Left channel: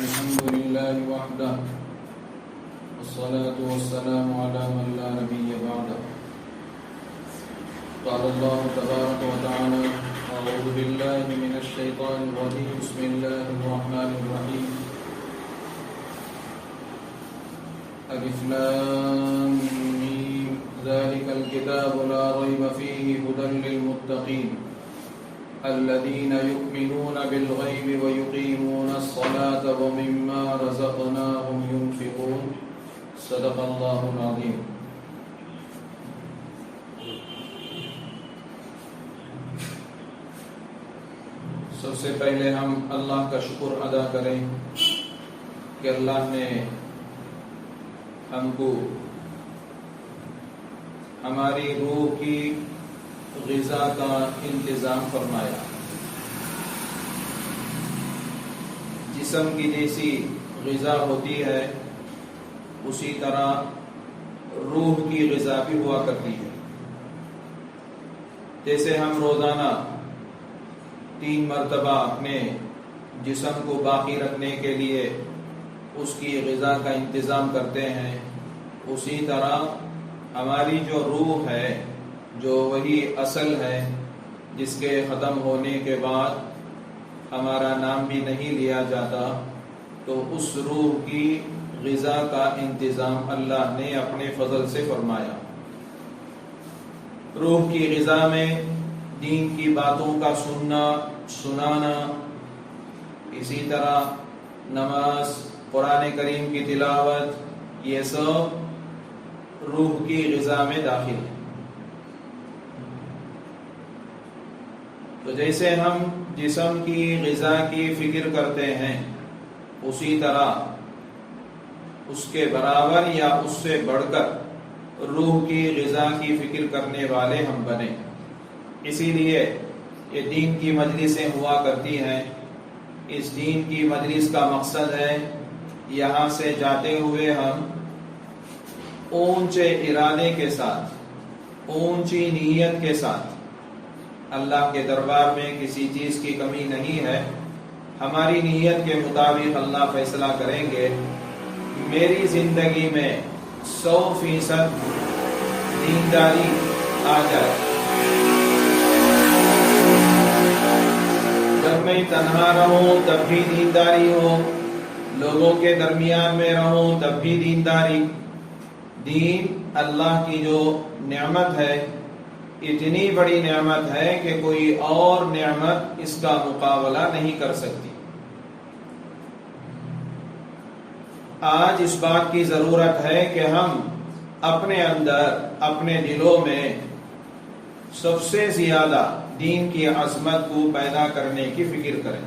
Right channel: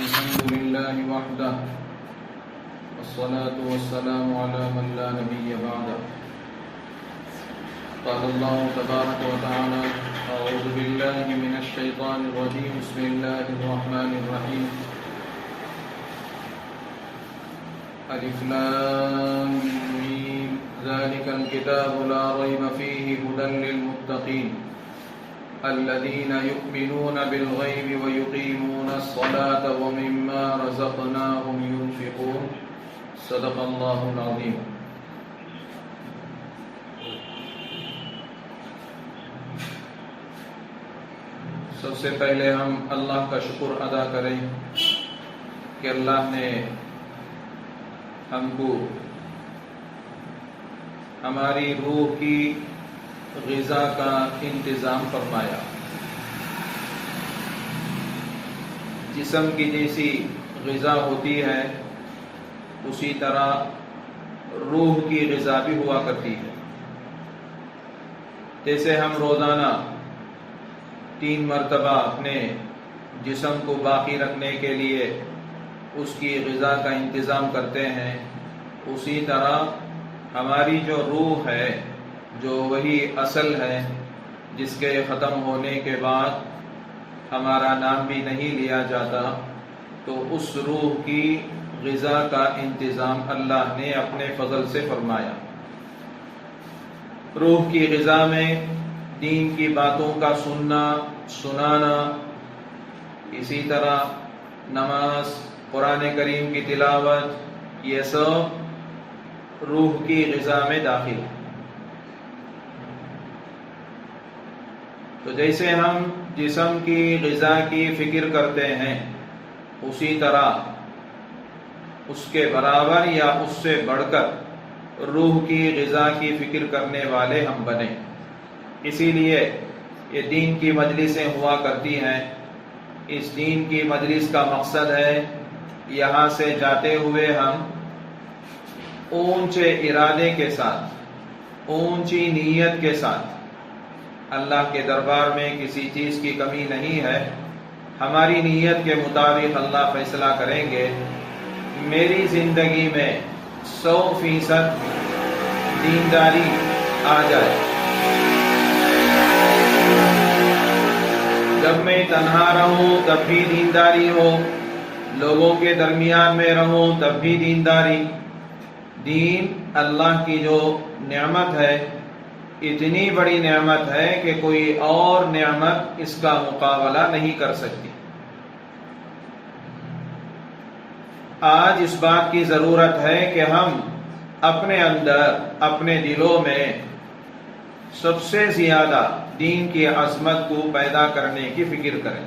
الحمد لله وحده والصلاة والسلام على من لا نبي بعده. قال الله تبارك وتعالى: أعوذ بالله من الشيطان الرجيم. بسم الله الرحمن الرحيم. ألف لام ميم ذلك الكتاب لا ريب فيه هدى للمتقين الذين يؤمنون بالغيب ويقيمون الصلاة ومما رزقناهم ينفقون. صدق الله العظيم. سب سے پہلے ہم اللہ کا شکر ادا کریں کہ اللہ نے ہم کو ہماری روح کی غذا کا انتظام فرمایا. جسم کی جیسی غذا ہوتی ہے اسی طرح روح کی غذا بھی ہوا کرتی ہے. جیسے ہم روزانہ 3 مرتبہ اپنے جسم کو باقی رکھنے کے لیے اس کی غذا کا انتظام کرتے ہیں، اسی طرح ہماری جو روح ہے، جو وہی اصل ہے جس کے ختم ہونے کے بعد ہمارا نام بھی نہیں لیا جاتا، تو اس روح کی غذا کا انتظام اللہ نے اپنے فضل سے فرمایا. روح کی غذا میں دین کی باتوں کا سننا سنانا، اسی طرح نماز، قرآن کریم کی تلاوت، یہ سب روح کی غذا میں داخل ہے. تو جیسے ہم جسم کی غذا کی فکر کرتے ہیں اسی طرح اس کے برابر یا اس سے بڑھ کر روح کی غذا کی فکر کرنے والے ہم بنیں. اسی لیے یہ دین کی مجلسیں ہوا کرتی ہیں. اس دین کی مجلس کا مقصد ہے یہاں سے جاتے ہوئے ہم اونچے ارادے کے ساتھ، اونچی نیت کے ساتھ، اللہ کے دربار میں کسی چیز کی کمی نہیں ہے، ہماری نیت کے مطابق اللہ فیصلہ کریں گے. میری زندگی میں 100% دینداری آ جائے. جب میں تنہا رہوں تب بھی دینداری ہو، لوگوں کے درمیان میں رہوں تب بھی دینداری. دین اللہ کی جو نعمت ہے، اتنی بڑی نعمت ہے کہ کوئی اور نعمت اس کا مقابلہ نہیں کر سکتی. آج اس بات کی ضرورت ہے کہ ہم اپنے اندر، اپنے دلوں میں سب سے زیادہ دین کی عظمت کو پیدا کرنے کی فکر کریں.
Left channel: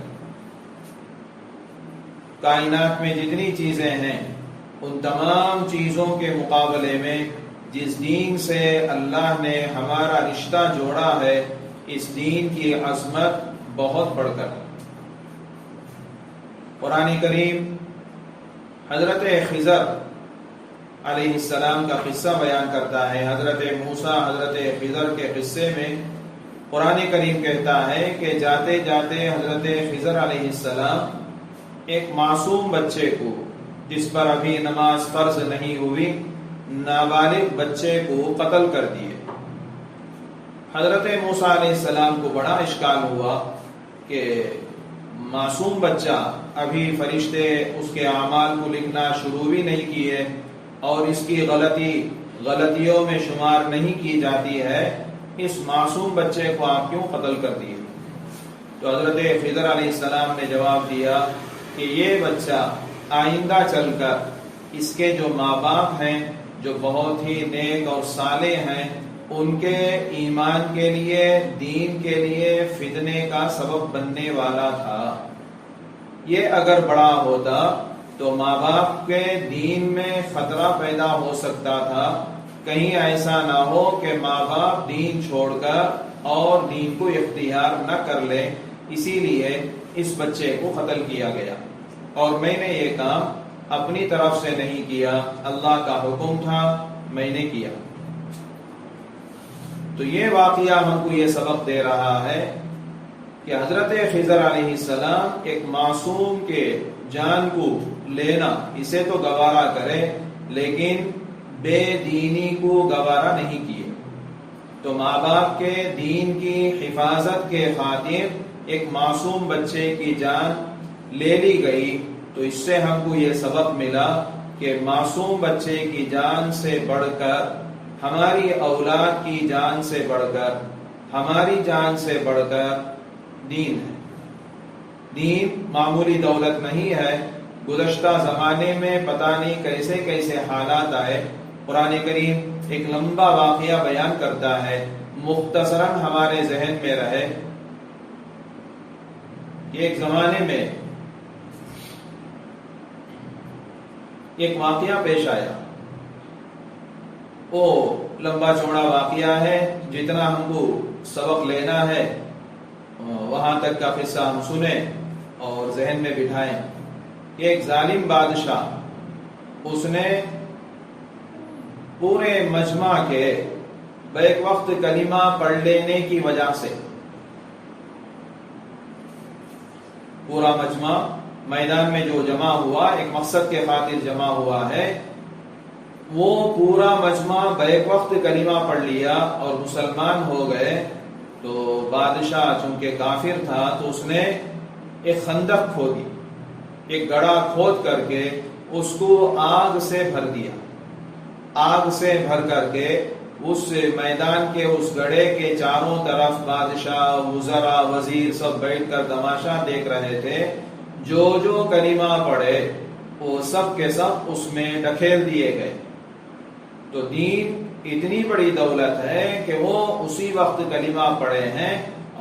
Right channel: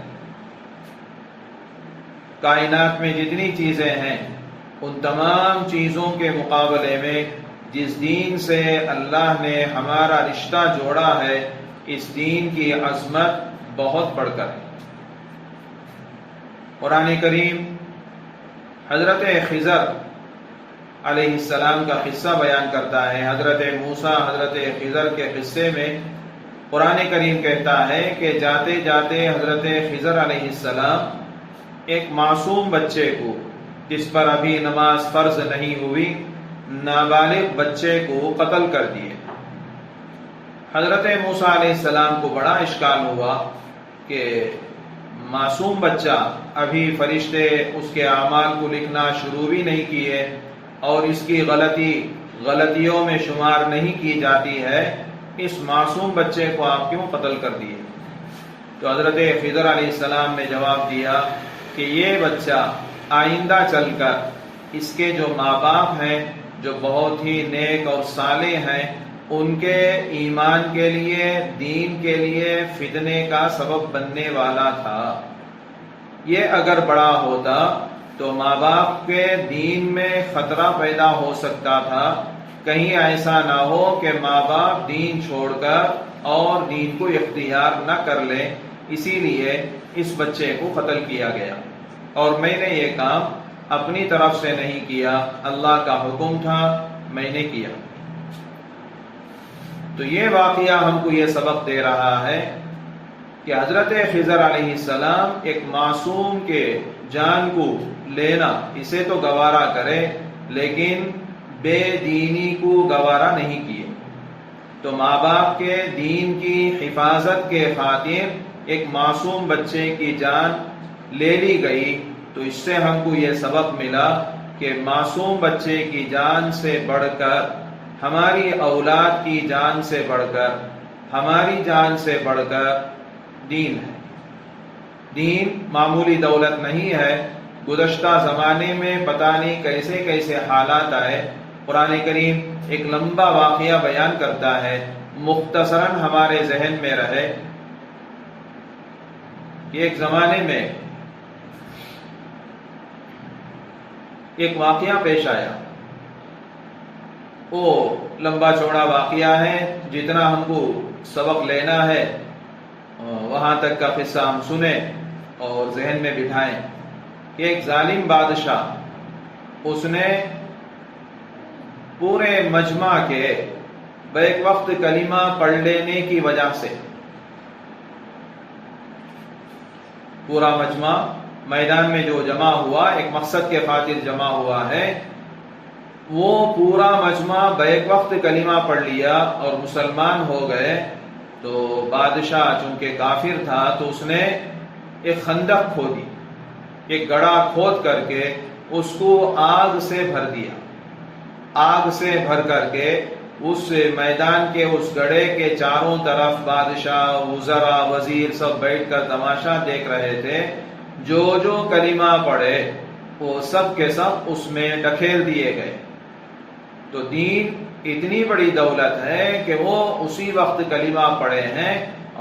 کائنات میں جتنی چیزیں ہیں ان تمام چیزوں کے مقابلے میں جس دین سے اللہ نے ہمارا رشتہ جوڑا ہے، اس دین کی عظمت بہت بڑھ کر ہے. قرآن کریم حضرت خضر علیہ السلام کا قصہ بیان کرتا ہے. حضرت موسیٰ حضرت خضر کے قصے میں قرآن کریم کہتا ہے کہ جاتے جاتے حضرت خضر علیہ السلام ایک معصوم بچے کو، جس پر ابھی نماز فرض نہیں ہوئی، نابالغ بچے کو قتل کر دیے. حضرت موسیٰ علیہ السلام کو بڑا اشکال ہوا کہ معصوم بچہ، ابھی فرشتے اس کے اعمال کو لکھنا شروع بھی نہیں کیے اور اس کی غلطیوں میں شمار نہیں کی جاتی ہے، اس معصوم بچے کو آپ کیوں قتل کر دیے؟ تو حضرت خضر علیہ السلام نے جواب دیا کہ یہ بچہ آئندہ چل کر اس کے جو ماں باپ ہیں، جو بہت ہی نیک اور صالح ہیں، ان کے ایمان کے لیے، دین کے لیے فتنے کا سبب بننے والا تھا. یہ اگر بڑا ہوتا تو ماں باپ کے دین میں خطرہ پیدا ہو سکتا تھا. کہیں ایسا نہ ہو کہ ماں باپ دین چھوڑ کر اور دین کو اختیار نہ کر لیں. اسی لیے اس بچے کو قتل کیا گیا. اور میں نے یہ کام اپنی طرف سے نہیں کیا، اللہ کا حکم تھا، میں نے کیا. تو یہ واقعہ ہم کو یہ سبق دے رہا ہے کہ حضرت خضر علیہ السلام ایک معصوم کے جان کو لینا اسے تو گوارا کرے، لیکن بے دینی کو گوارا نہیں کیے۔ تو ماں باپ کے دین کی حفاظت کے خاطر ایک معصوم بچے کی جان لے لی گئی۔ تو اس سے ہم کو یہ سبق ملا کہ معصوم بچے کی جان سے بڑھ کر، ہماری اولاد کی جان سے بڑھ کر، ہماری جان سے بڑھ کر دین ہے۔ دین معمولی دولت نہیں ہے۔ گزشتہ زمانے میں پتہ نہیں کیسے کیسے حالات آئے۔ قرآن کریم ایک لمبا واقعہ بیان کرتا ہے، مختصراً ہمارے ذہن میں رہے۔ ایک زمانے میں ایک واقعہ پیش آیا، وہ لمبا چوڑا واقعہ ہے، جتنا ہم کو سبق لینا ہے وہاں تک کا قصہ ہم سنیں اور ذہن میں بٹھائیں۔ ایک ظالم بادشاہ، اس نے پورے مجمع کے بیک وقت کلمہ پڑھ لینے کی وجہ سے، پورا مجمع میدان میں جو جمع ہوا ایک مقصد کے خاطر جمع ہوا ہے، وہ پورا مجمع بیک وقت کلمہ پڑھ لیا اور مسلمان ہو گئے۔ تو بادشاہ چونکہ کافر تھا تو اس نے ایک خندق کھودی، ایک گڑھا کھود کر کے اس کو آگ سے بھر دیا۔ آگ سے بھر کر کے اس میدان کے اس گڑھے کے چاروں طرف بادشاہ، وزراء، وزیر سب بیٹھ کر تماشا دیکھ رہے تھے۔ جو جو کلمہ پڑھے وہ سب کے سب اس میں ڈھکیل دیے گئے۔ تو دین اتنی بڑی دولت ہے کہ وہ اسی وقت کلمہ پڑھے ہیں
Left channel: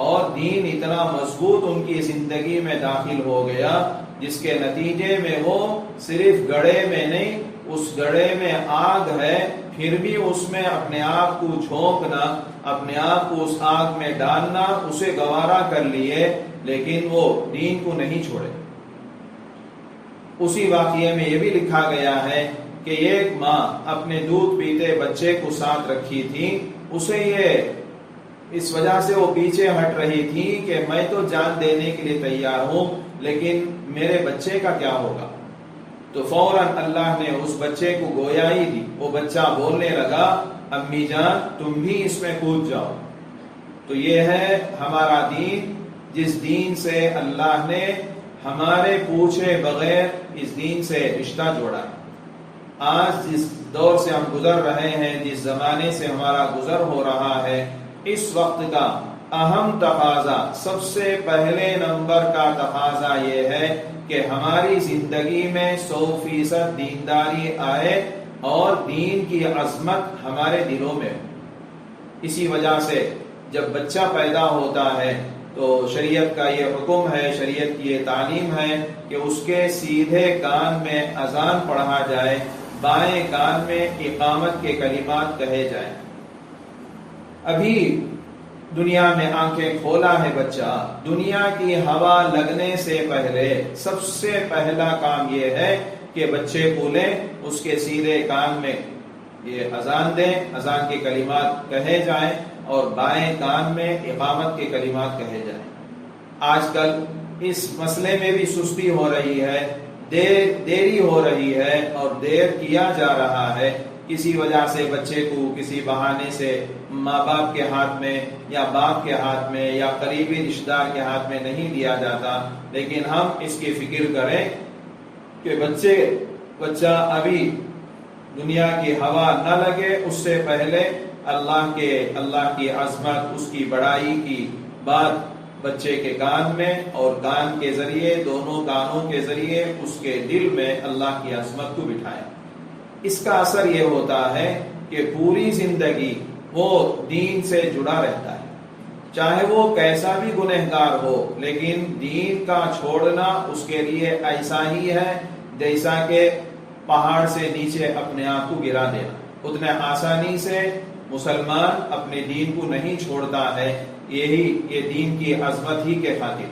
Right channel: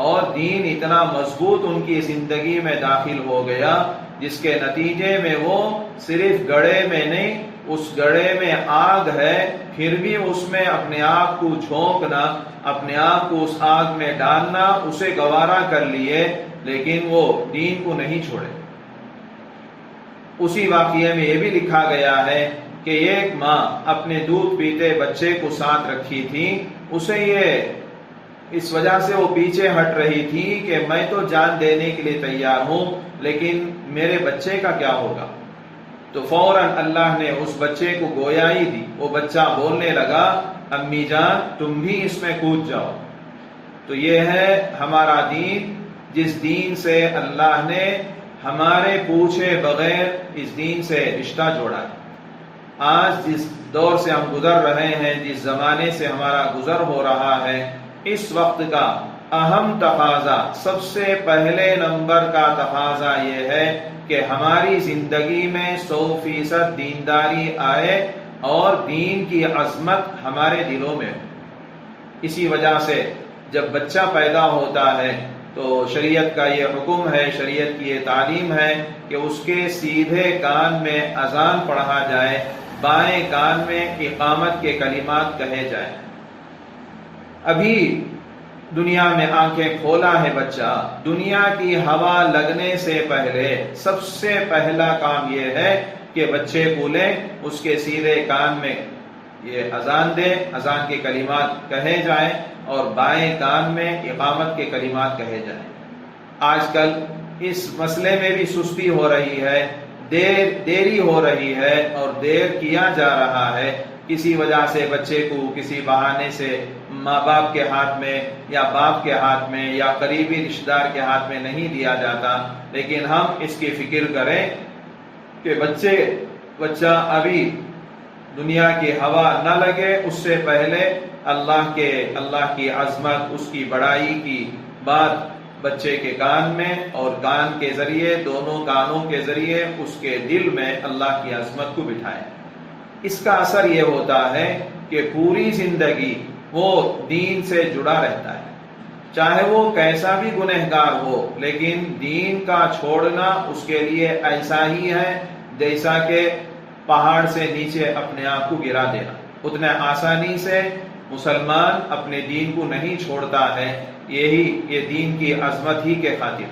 اور دین اتنا مضبوط ان کی زندگی میں داخل ہو گیا، جس کے نتیجے میں وہ صرف گڑھے میں نہیں، اس گڑھے میں آگ ہے، پھر بھی اس میں اپنے آپ کو جھونکنا، اپنے آپ کو اس آگ میں ڈالنا اسے گوارا کر لیے، لیکن وہ دین کو نہیں چھوڑے۔ اسی واقعے میں یہ بھی لکھا گیا ہے کہ ایک ماں اپنے دودھ پیتے بچے کو ساتھ رکھی تھی، اسے یہ اس وجہ سے وہ پیچھے ہٹ رہی تھی کہ میں تو جان دینے کے لیے تیار ہوں، لیکن میرے بچے کا کیا ہوگا؟ تو فوراً اللہ نے اس بچے کو گویائی دی۔ وہ بچہ بولنے لگا، امی جان تم بھی اس میں کود جاؤ۔ تو یہ ہے ہمارا دین، جس دین سے اللہ نے ہمارے پوچھے بغیر اس دین سے رشتہ جوڑا ہے۔ آج جس دور سے ہم گزر رہے ہیں، جس زمانے سے ہمارا گزر ہو رہا ہے، اس وقت کا اہم تقاضا، سب سے پہلے نمبر کا تقاضا یہ ہے کہ ہماری زندگی میں 100% دینداری آئے اور دین کی عظمت ہمارے دلوں میں ہو۔ اسی وجہ سے جب بچہ پیدا ہوتا ہے تو شریعت کا یہ حکم ہے، شریعت کی یہ تعلیم ہے کہ اس کے سیدھے کان میں اذان پڑھا جائے، بائیں کان میں اقامت کے کلمات کہے جائیں۔ ابھی دنیا میں آنکھیں کھولا ہے بچہ، دنیا کی ہوا لگنے سے پہلے سب سے پہلا کام یہ ہے کہ بچے کو لیں، اس کے سیدھے کان میں یہ اذان دیں، اذان کے کلمات کہے جائیں اور بائیں کان میں اقامت کے کلمات کہے جائیں۔ آج کل اس مسئلے میں بھی سستی ہو رہی ہے، دیری ہو رہی ہے اور دیر کیا جا رہا ہے۔ کسی وجہ سے بچے کو کسی بہانے سے ماں باپ کے ہاتھ میں یا باپ کے ہاتھ میں یا قریبی رشتہ دار کے ہاتھ میں نہیں دیا جاتا، لیکن ہم اس کی فکر کریں کہ بچہ ابھی دنیا کی ہوا نہ لگے، اس سے پہلے اللہ کی عظمت، اس کی بڑائی کی بات بچے کے کان میں اور کان کے ذریعے، دونوں کانوں کے ذریعے اس کے دل میں اللہ کی عظمت کو بٹھائے۔ اس کا اثر یہ ہوتا ہے کہ پوری زندگی وہ دین سے جڑا رہتا ہے، چاہے وہ کیسا بھی گنہگار ہو، لیکن دین کا چھوڑنا اس کے لیے ایسا ہی ہے جیسا کہ پہاڑ سے نیچے اپنے آپ کو گرا دینا۔ اتنے آسانی سے مسلمان اپنے دین کو نہیں چھوڑتا ہے، یہ دین کی عظمت ہی کے خاطر۔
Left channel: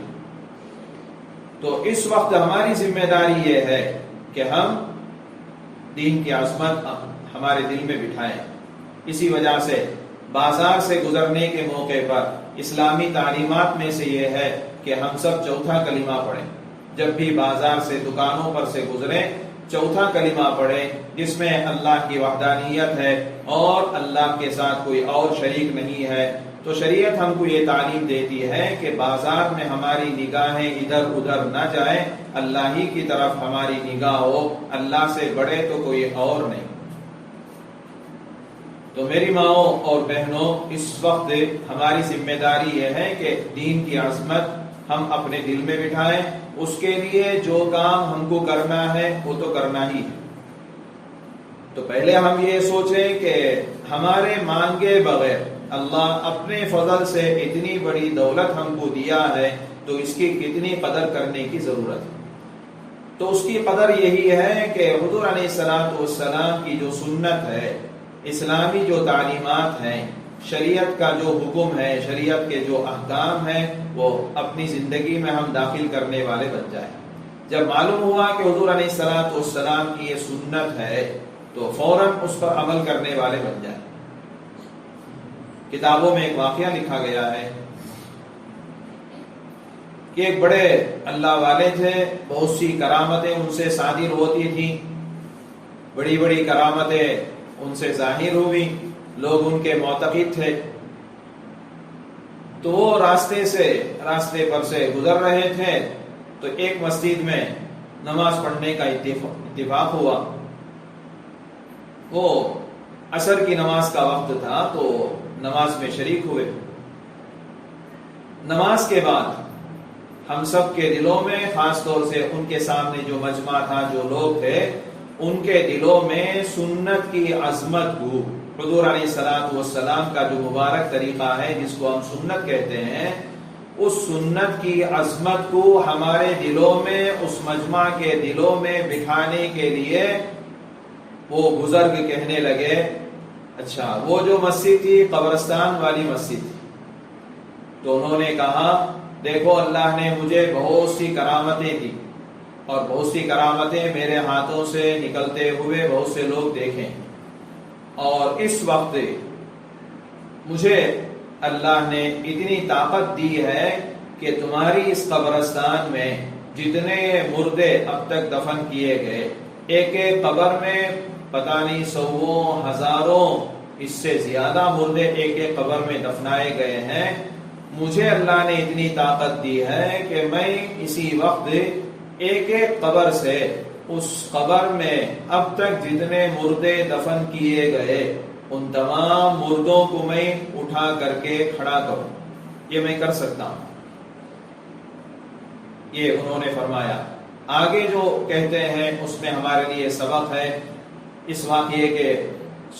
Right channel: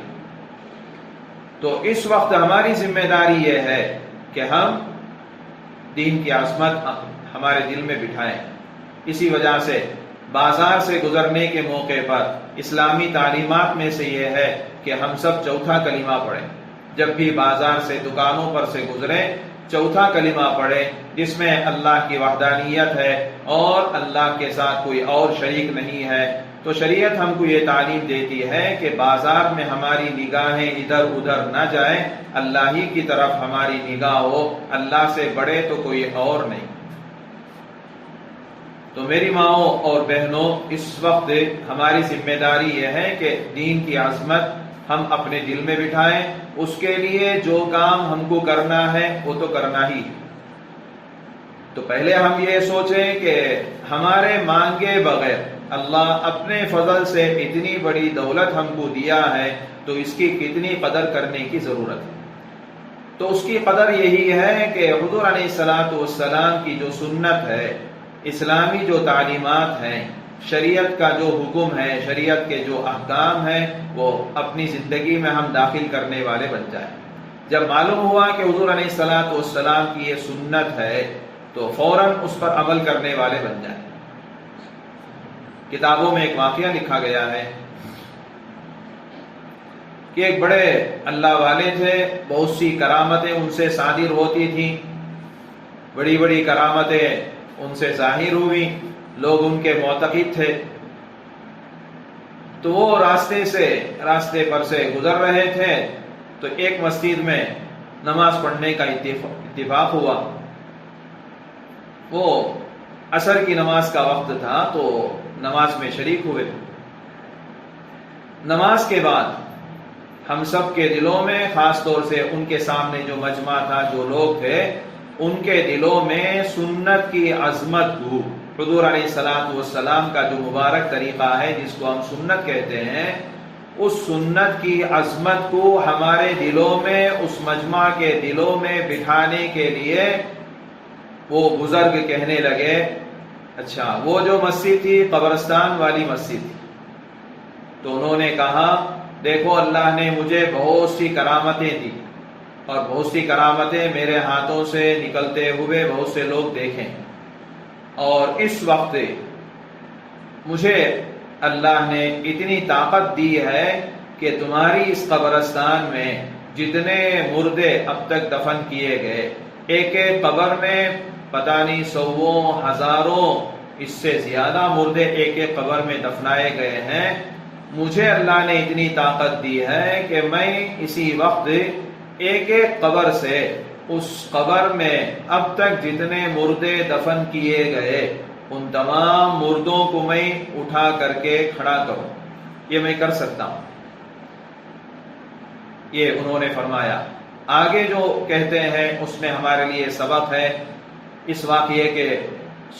تو اس وقت ہماری ذمہ داری یہ ہے کہ ہم دین کی عظمت ہمارے دل میں بٹھائیں۔ اسی وجہ سے بازار سے گزرنے کے موقع پر اسلامی تعلیمات میں سے یہ ہے کہ ہم سب چوتھا کلمہ پڑھیں. جب بھی بازار سے دکانوں پر سے گزریں چوتھا کلمہ پڑھیں جس میں اللہ کی وحدانیت ہے اور اللہ کے ساتھ کوئی اور شریک نہیں ہے. تو شریعت ہم کو یہ تعلیم دیتی ہے کہ بازار میں ہماری نگاہیں ادھر ادھر نہ جائیں، اللہ ہی کی طرف ہماری نگاہ ہو، اللہ سے بڑے تو کوئی اور نہیں. تو میری ماؤں اور بہنوں، اس وقت ہماری ذمہ داری یہ ہے کہ دین کی عظمت ہم اپنے دل میں بٹھائیں. اس کے لیے جو کام ہم کو کرنا ہے وہ تو کرنا ہی ہے. تو پہلے ہم یہ سوچیں کہ ہمارے مانگے بغیر اللہ اپنے فضل سے اتنی بڑی دولت ہم کو دیا ہے تو اس کی کتنی قدر کرنے کی ضرورت ہے. تو اس کی قدر یہی ہے کہ حضور علیہ الصلوۃ والسلام کی جو سنت ہے، اسلامی جو تعلیمات ہیں، شریعت کا جو حکم ہے، شریعت کے جو احکام ہیں، وہ اپنی زندگی میں ہم داخل کرنے والے بن جائیں. جب معلوم ہوا کہ حضور علیہ الصلوۃ والسلام کی یہ سنت ہے تو فوراً اس پر عمل کرنے والے بن جائیں. کتابوں میں ایک واقعہ لکھا گیا ہے کہ ایک بڑے اللہ والے تھے، بہت سی کرامتیں ان سے صادر ہوتی تھیں، بڑی بڑی کرامتیں ان سے ظاہر ہوئی، لوگ ان کے معتقد تھے. تو وہ راستے پر سے گزر رہے تھے تو ایک مسجد میں نماز پڑھنے کا اتفاق ہوا. وہ عصر کی نماز کا وقت تھا تو نماز میں شریک ہوئے. نماز کے بعد ہم سب کے دلوں میں، خاص طور سے ان کے سامنے جو مجمع تھا، جو لوگ تھے، ان کے دلوں میں سنت کی عظمت کو، حضور علیہ الصلوۃ والسلام کا جو مبارک طریقہ ہے جس کو ہم سنت کہتے ہیں، اس سنت کی عظمت کو ہمارے دلوں میں، اس مجمع کے دلوں میں بٹھانے کے لیے وہ بزرگ کہنے لگے، اچھا وہ جو مسجد تھی قبرستان والی مسجد تھی. تو انہوں نے کہا دیکھو اللہ نے مجھے بہت سی کرامتیں دی اور بہت سی کرامتیں میرے ہاتھوں سے نکلتے ہوئے بہت سے لوگ دیکھیں، اور اس وقت مجھے اللہ نے اتنی طاقت دی ہے کہ تمہاری اس قبرستان میں جتنے مردے اب تک دفن کیے گئے، ایک ایک قبر میں پتہ نہیں سووں ہزاروں اس سے زیادہ مردے ایک ایک قبر میں دفنائے گئے ہیں. مجھے اللہ نے اتنی طاقت دی ہے کہ میں اسی وقت ایک ایک قبر سے اس قبر میں اب تک جتنے مردے دفن کیے گئے ان تمام مردوں کو میں اٹھا کر کے کھڑا کروں. یہ میں کر سکتا ہوں. یہ انہوں نے فرمایا. آگے جو کہتے ہیں اس میں ہمارے لیے سبق ہے اس واقعے کے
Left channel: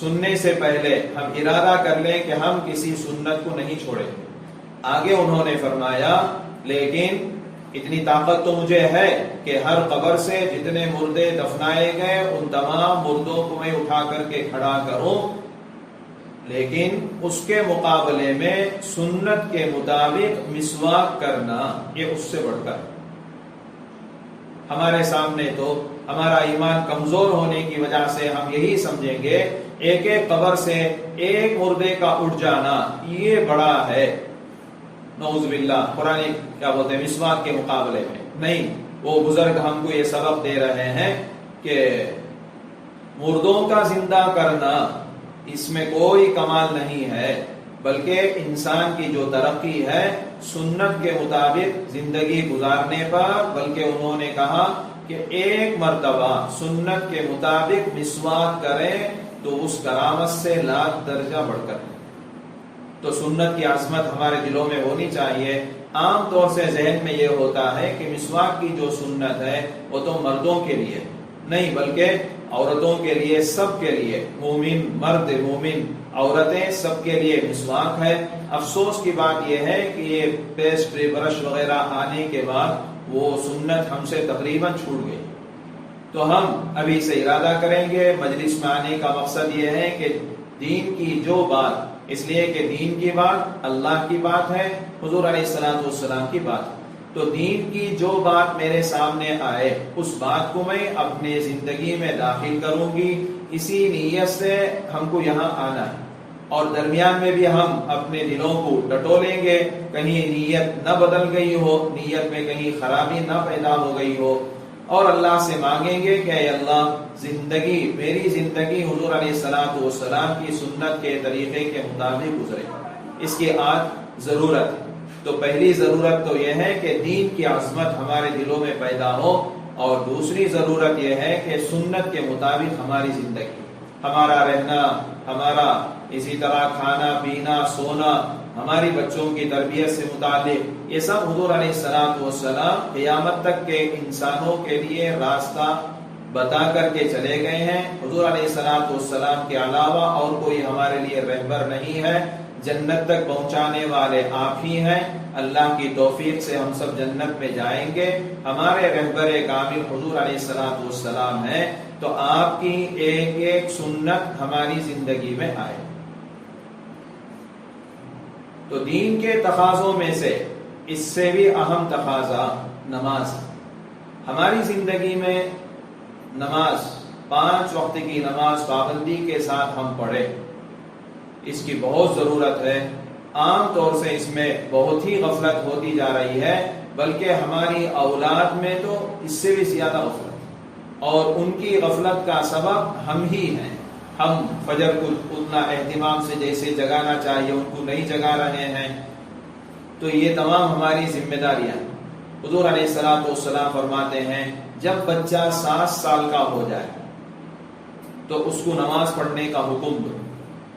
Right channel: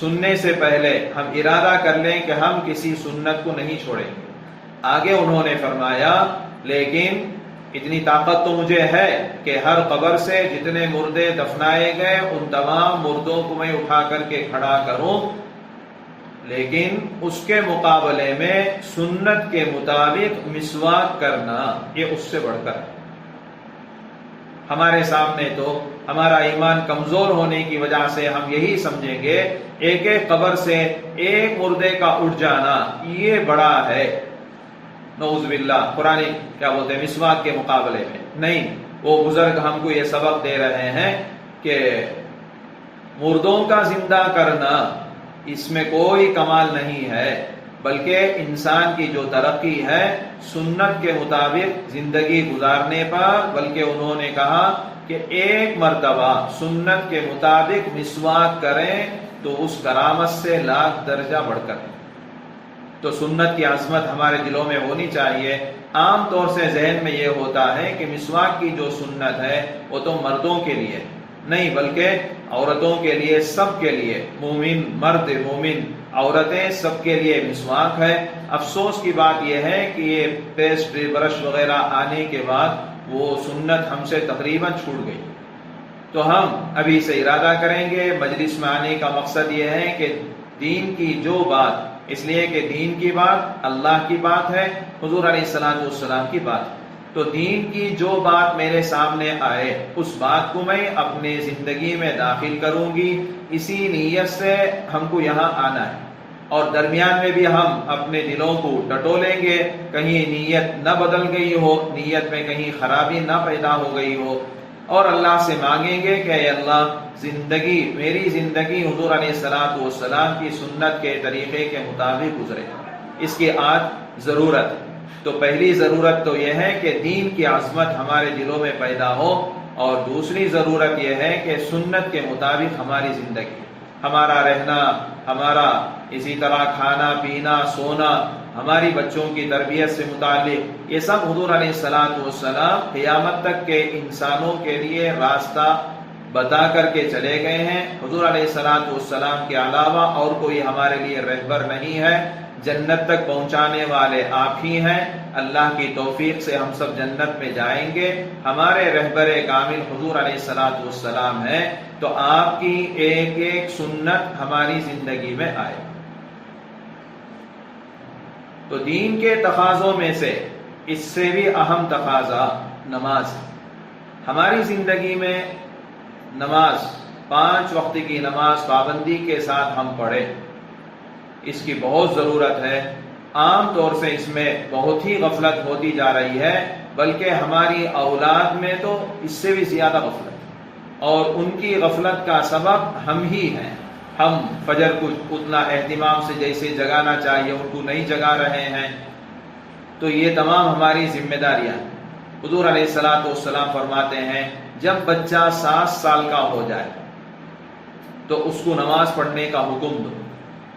سننے سے پہلے ہم ارادہ کر لیں کہ ہم کسی سنت کو نہیں چھوڑیں گے. آگے انہوں نے فرمایا لیکن اتنی طاقت تو مجھے ہے کہ ہر قبر سے جتنے مردے دفنائے گئے ان تمام مردوں کو میں اٹھا کر کے کھڑا کروں، لیکن اس کے مقابلے میں سنت کے مطابق مسواک کرنا یہ اس سے بڑھ کر. ہمارے سامنے تو ہمارا ایمان کمزور ہونے کی وجہ سے ہم یہی سمجھیں گے ایک ایک قبر سے ایک مردے کا اٹھ جانا یہ بڑا ہے، نعوذ باللہ، قرآن کیا بولتے ہیں مسواک کے مقابلے میں. نہیں، وہ بزرگ ہم کو یہ سبق دے رہے ہیں کہ مردوں کا زندہ کرنا اس میں کوئی کمال نہیں ہے، بلکہ انسان کی جو ترقی ہے سنت کے مطابق زندگی گزارنے پر. بلکہ انہوں نے کہا کہ ایک مرتبہ سنت کے مطابق مسواک کریں تو اس کرامت سے لاکھ درجہ بڑھ کر. تو سنت کی عظمت ہمارے دلوں میں ہونی چاہیے. عام طور سے ذہن میں یہ ہوتا ہے کہ مسواک کی جو سنت ہے وہ تو مردوں کے لیے نہیں بلکہ عورتوں کے لیے، سب کے لیے، مومن مرد مومن عورتیں سب کے لیے مسواک ہے. افسوس کی بات یہ ہے کہ یہ پیسٹ برش وغیرہ آنے کے بعد وہ سنت ہم سے تقریباً چھوٹ گئی. تو ہم ابھی سے ارادہ کریں گے. مجلس میں آنے کا مقصد یہ ہے کہ دین کی جو بات، اس لیے کہ دین کی بات اللہ کی بات ہے، حضور علیہ الصلوۃ والسلام کی بات ہے. تو دین کی جو بات میرے سامنے آئے اس بات کو میں اپنی زندگی میں داخل کروں گی. اسی نیت سے ہم کو یہاں آنا ہے. اور درمیان میں بھی ہم اپنے دلوں کو ٹٹولیں گے، کہیں نیت نہ بدل گئی ہو، نیت میں کہیں خرابی نہ پیدا ہو گئی ہو، اور اللہ سے مانگیں گے کہ اے اللہ میری زندگی حضور علیہ الصلوۃ والسلام کی سنت کے طریقے کے مطابق گزرے۔ اس کی آج ضرورت ہے۔ تو پہلی ضرورت تو یہ ہے کہ دین کی عظمت ہمارے دلوں میں پیدا ہو، اور دوسری ضرورت یہ ہے کہ سنت کے مطابق ہماری زندگی، ہمارا رہنا، ہمارا اسی طرح کھانا پینا سونا، ہماری بچوں کی تربیت سے متعلق، یہ سب حضور علیہ الصلوۃ والسلام قیامت تک کے انسانوں کے لیے راستہ بتا کر کے چلے گئے ہیں۔ حضور علیہ الصلوۃ والسلام کے علاوہ اور کوئی ہمارے لیے رہبر نہیں ہے۔ جنت تک پہنچانے والے آپ ہی ہیں۔ اللہ کی توفیق سے ہم سب جنت میں جائیں گے۔ ہمارے رہبر کامل حضور علیہ الصلوۃ والسلام ہیں، تو آپ کی ایک ایک سنت ہماری زندگی میں آئے۔ تو دین کے تقاضوں میں سے اس سے بھی اہم تقاضا نماز ہے۔ ہماری زندگی میں نماز، 5 وقت کی نماز پابندی کے ساتھ ہم پڑھیں، اس کی بہت ضرورت ہے۔ عام طور سے اس میں بہت ہی غفلت ہوتی جا رہی ہے، بلکہ ہماری اولاد میں تو اس سے بھی زیادہ غفلت، اور ان کی غفلت کا سبب ہم ہی ہیں۔ ہم فجر کو اتنا اہتمام سے جیسے جگانا چاہیے ان کو نہیں جگا رہے ہیں۔ تو یہ تمام ہماری ذمہ داریاں۔ حضور علیہ الصلوۃ والسلام فرماتے ہیں جب بچہ 7 سال کا ہو جائے تو اس کو نماز پڑھنے کا حکم دو،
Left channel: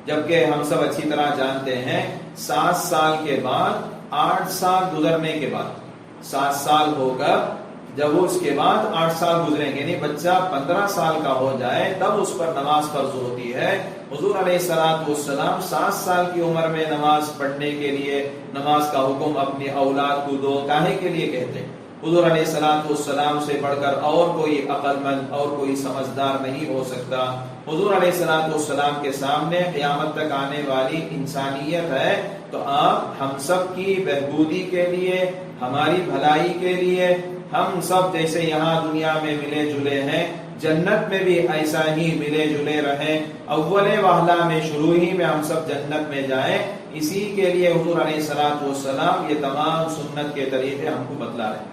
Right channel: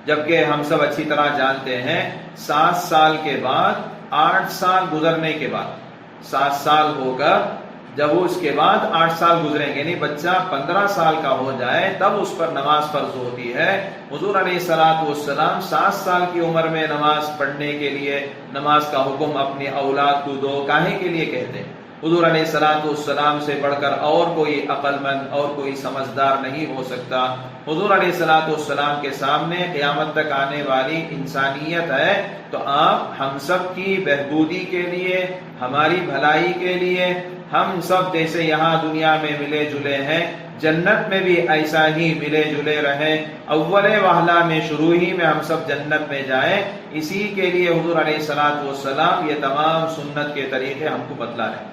جبکہ ہم سب اچھی طرح جانتے ہیں 7 سال کے بعد، 8 سال گزرنے کے بعد، 7 سال ہو کر جب اس کے بعد 8 سال گزریں گے، یعنی بچہ 15 سال کا ہو جائے تب اس پر نماز فرض ہوتی ہے۔ حضور علیہ الصلوۃ والسلام 7 سال کی عمر میں نماز پڑھنے کے لیے نماز کا حکم اپنی اولاد کو دو، کاہے کے لیے کہتے ہیں؟ حضور علیہ الصلوۃ والسلام سے بڑھ کر اور کوئی عقل مند اور کوئی سمجھدار نہیں ہو سکتا۔ حضور علیہ الصلوۃ والسلام کے سامنے قیامت تک آنے والی انسانیت ہے، تو آپ ہم سب کی بہبودی کے لیے، ہماری بھلائی کے لیے، ہم سب جیسے یہاں دنیا میں ملے جلے ہیں، جنت میں بھی ایسا ہی ملے جلے رہیں، اول وہلہ میں شروع ہی میں ہم سب جنت میں جائیں، اسی کے لیے حضور علیہ الصلوۃ والسلام یہ تمام سنت کے طریقے ہم کو بتلا رہے ہیں۔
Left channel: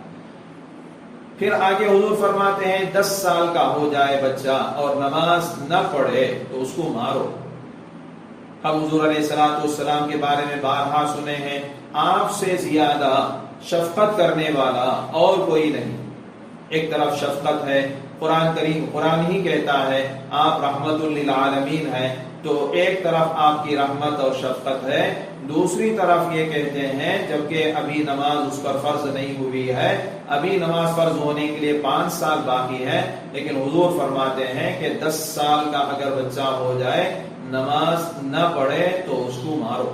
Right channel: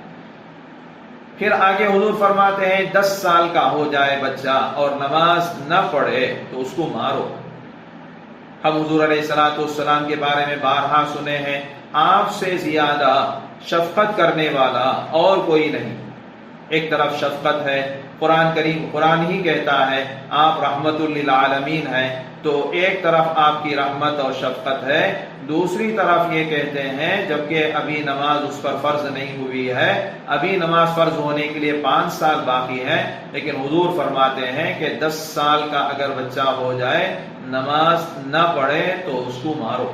پھر آگے حضور فرماتے ہیں 10 سال کا ہو جائے بچہ اور نماز نہ پڑھے تو اس کو مارو۔ ہم حضور علیہ الصلوۃ والسلام کے بارے میں بارہا سنے ہیں، آپ سے زیادہ شفقت کرنے والا اور کوئی نہیں۔ ایک طرف شفقت ہے، قرآن ہی کہتا ہے آپ رحمت للعالمین ہیں، تو ایک طرف آپ کی رحمت اور شفقت ہے، دوسری طرف یہ کہتے ہیں جبکہ ابھی نماز اس پر فرض نہیں ہوئی ہے، ابھی نماز فرض ہونے کے لیے 5 سال باقی ہے، لیکن حضور فرماتے ہیں کہ 10 سال کا اگر بچہ ہو جائے نماز نہ پڑھے تو اس کو مارو۔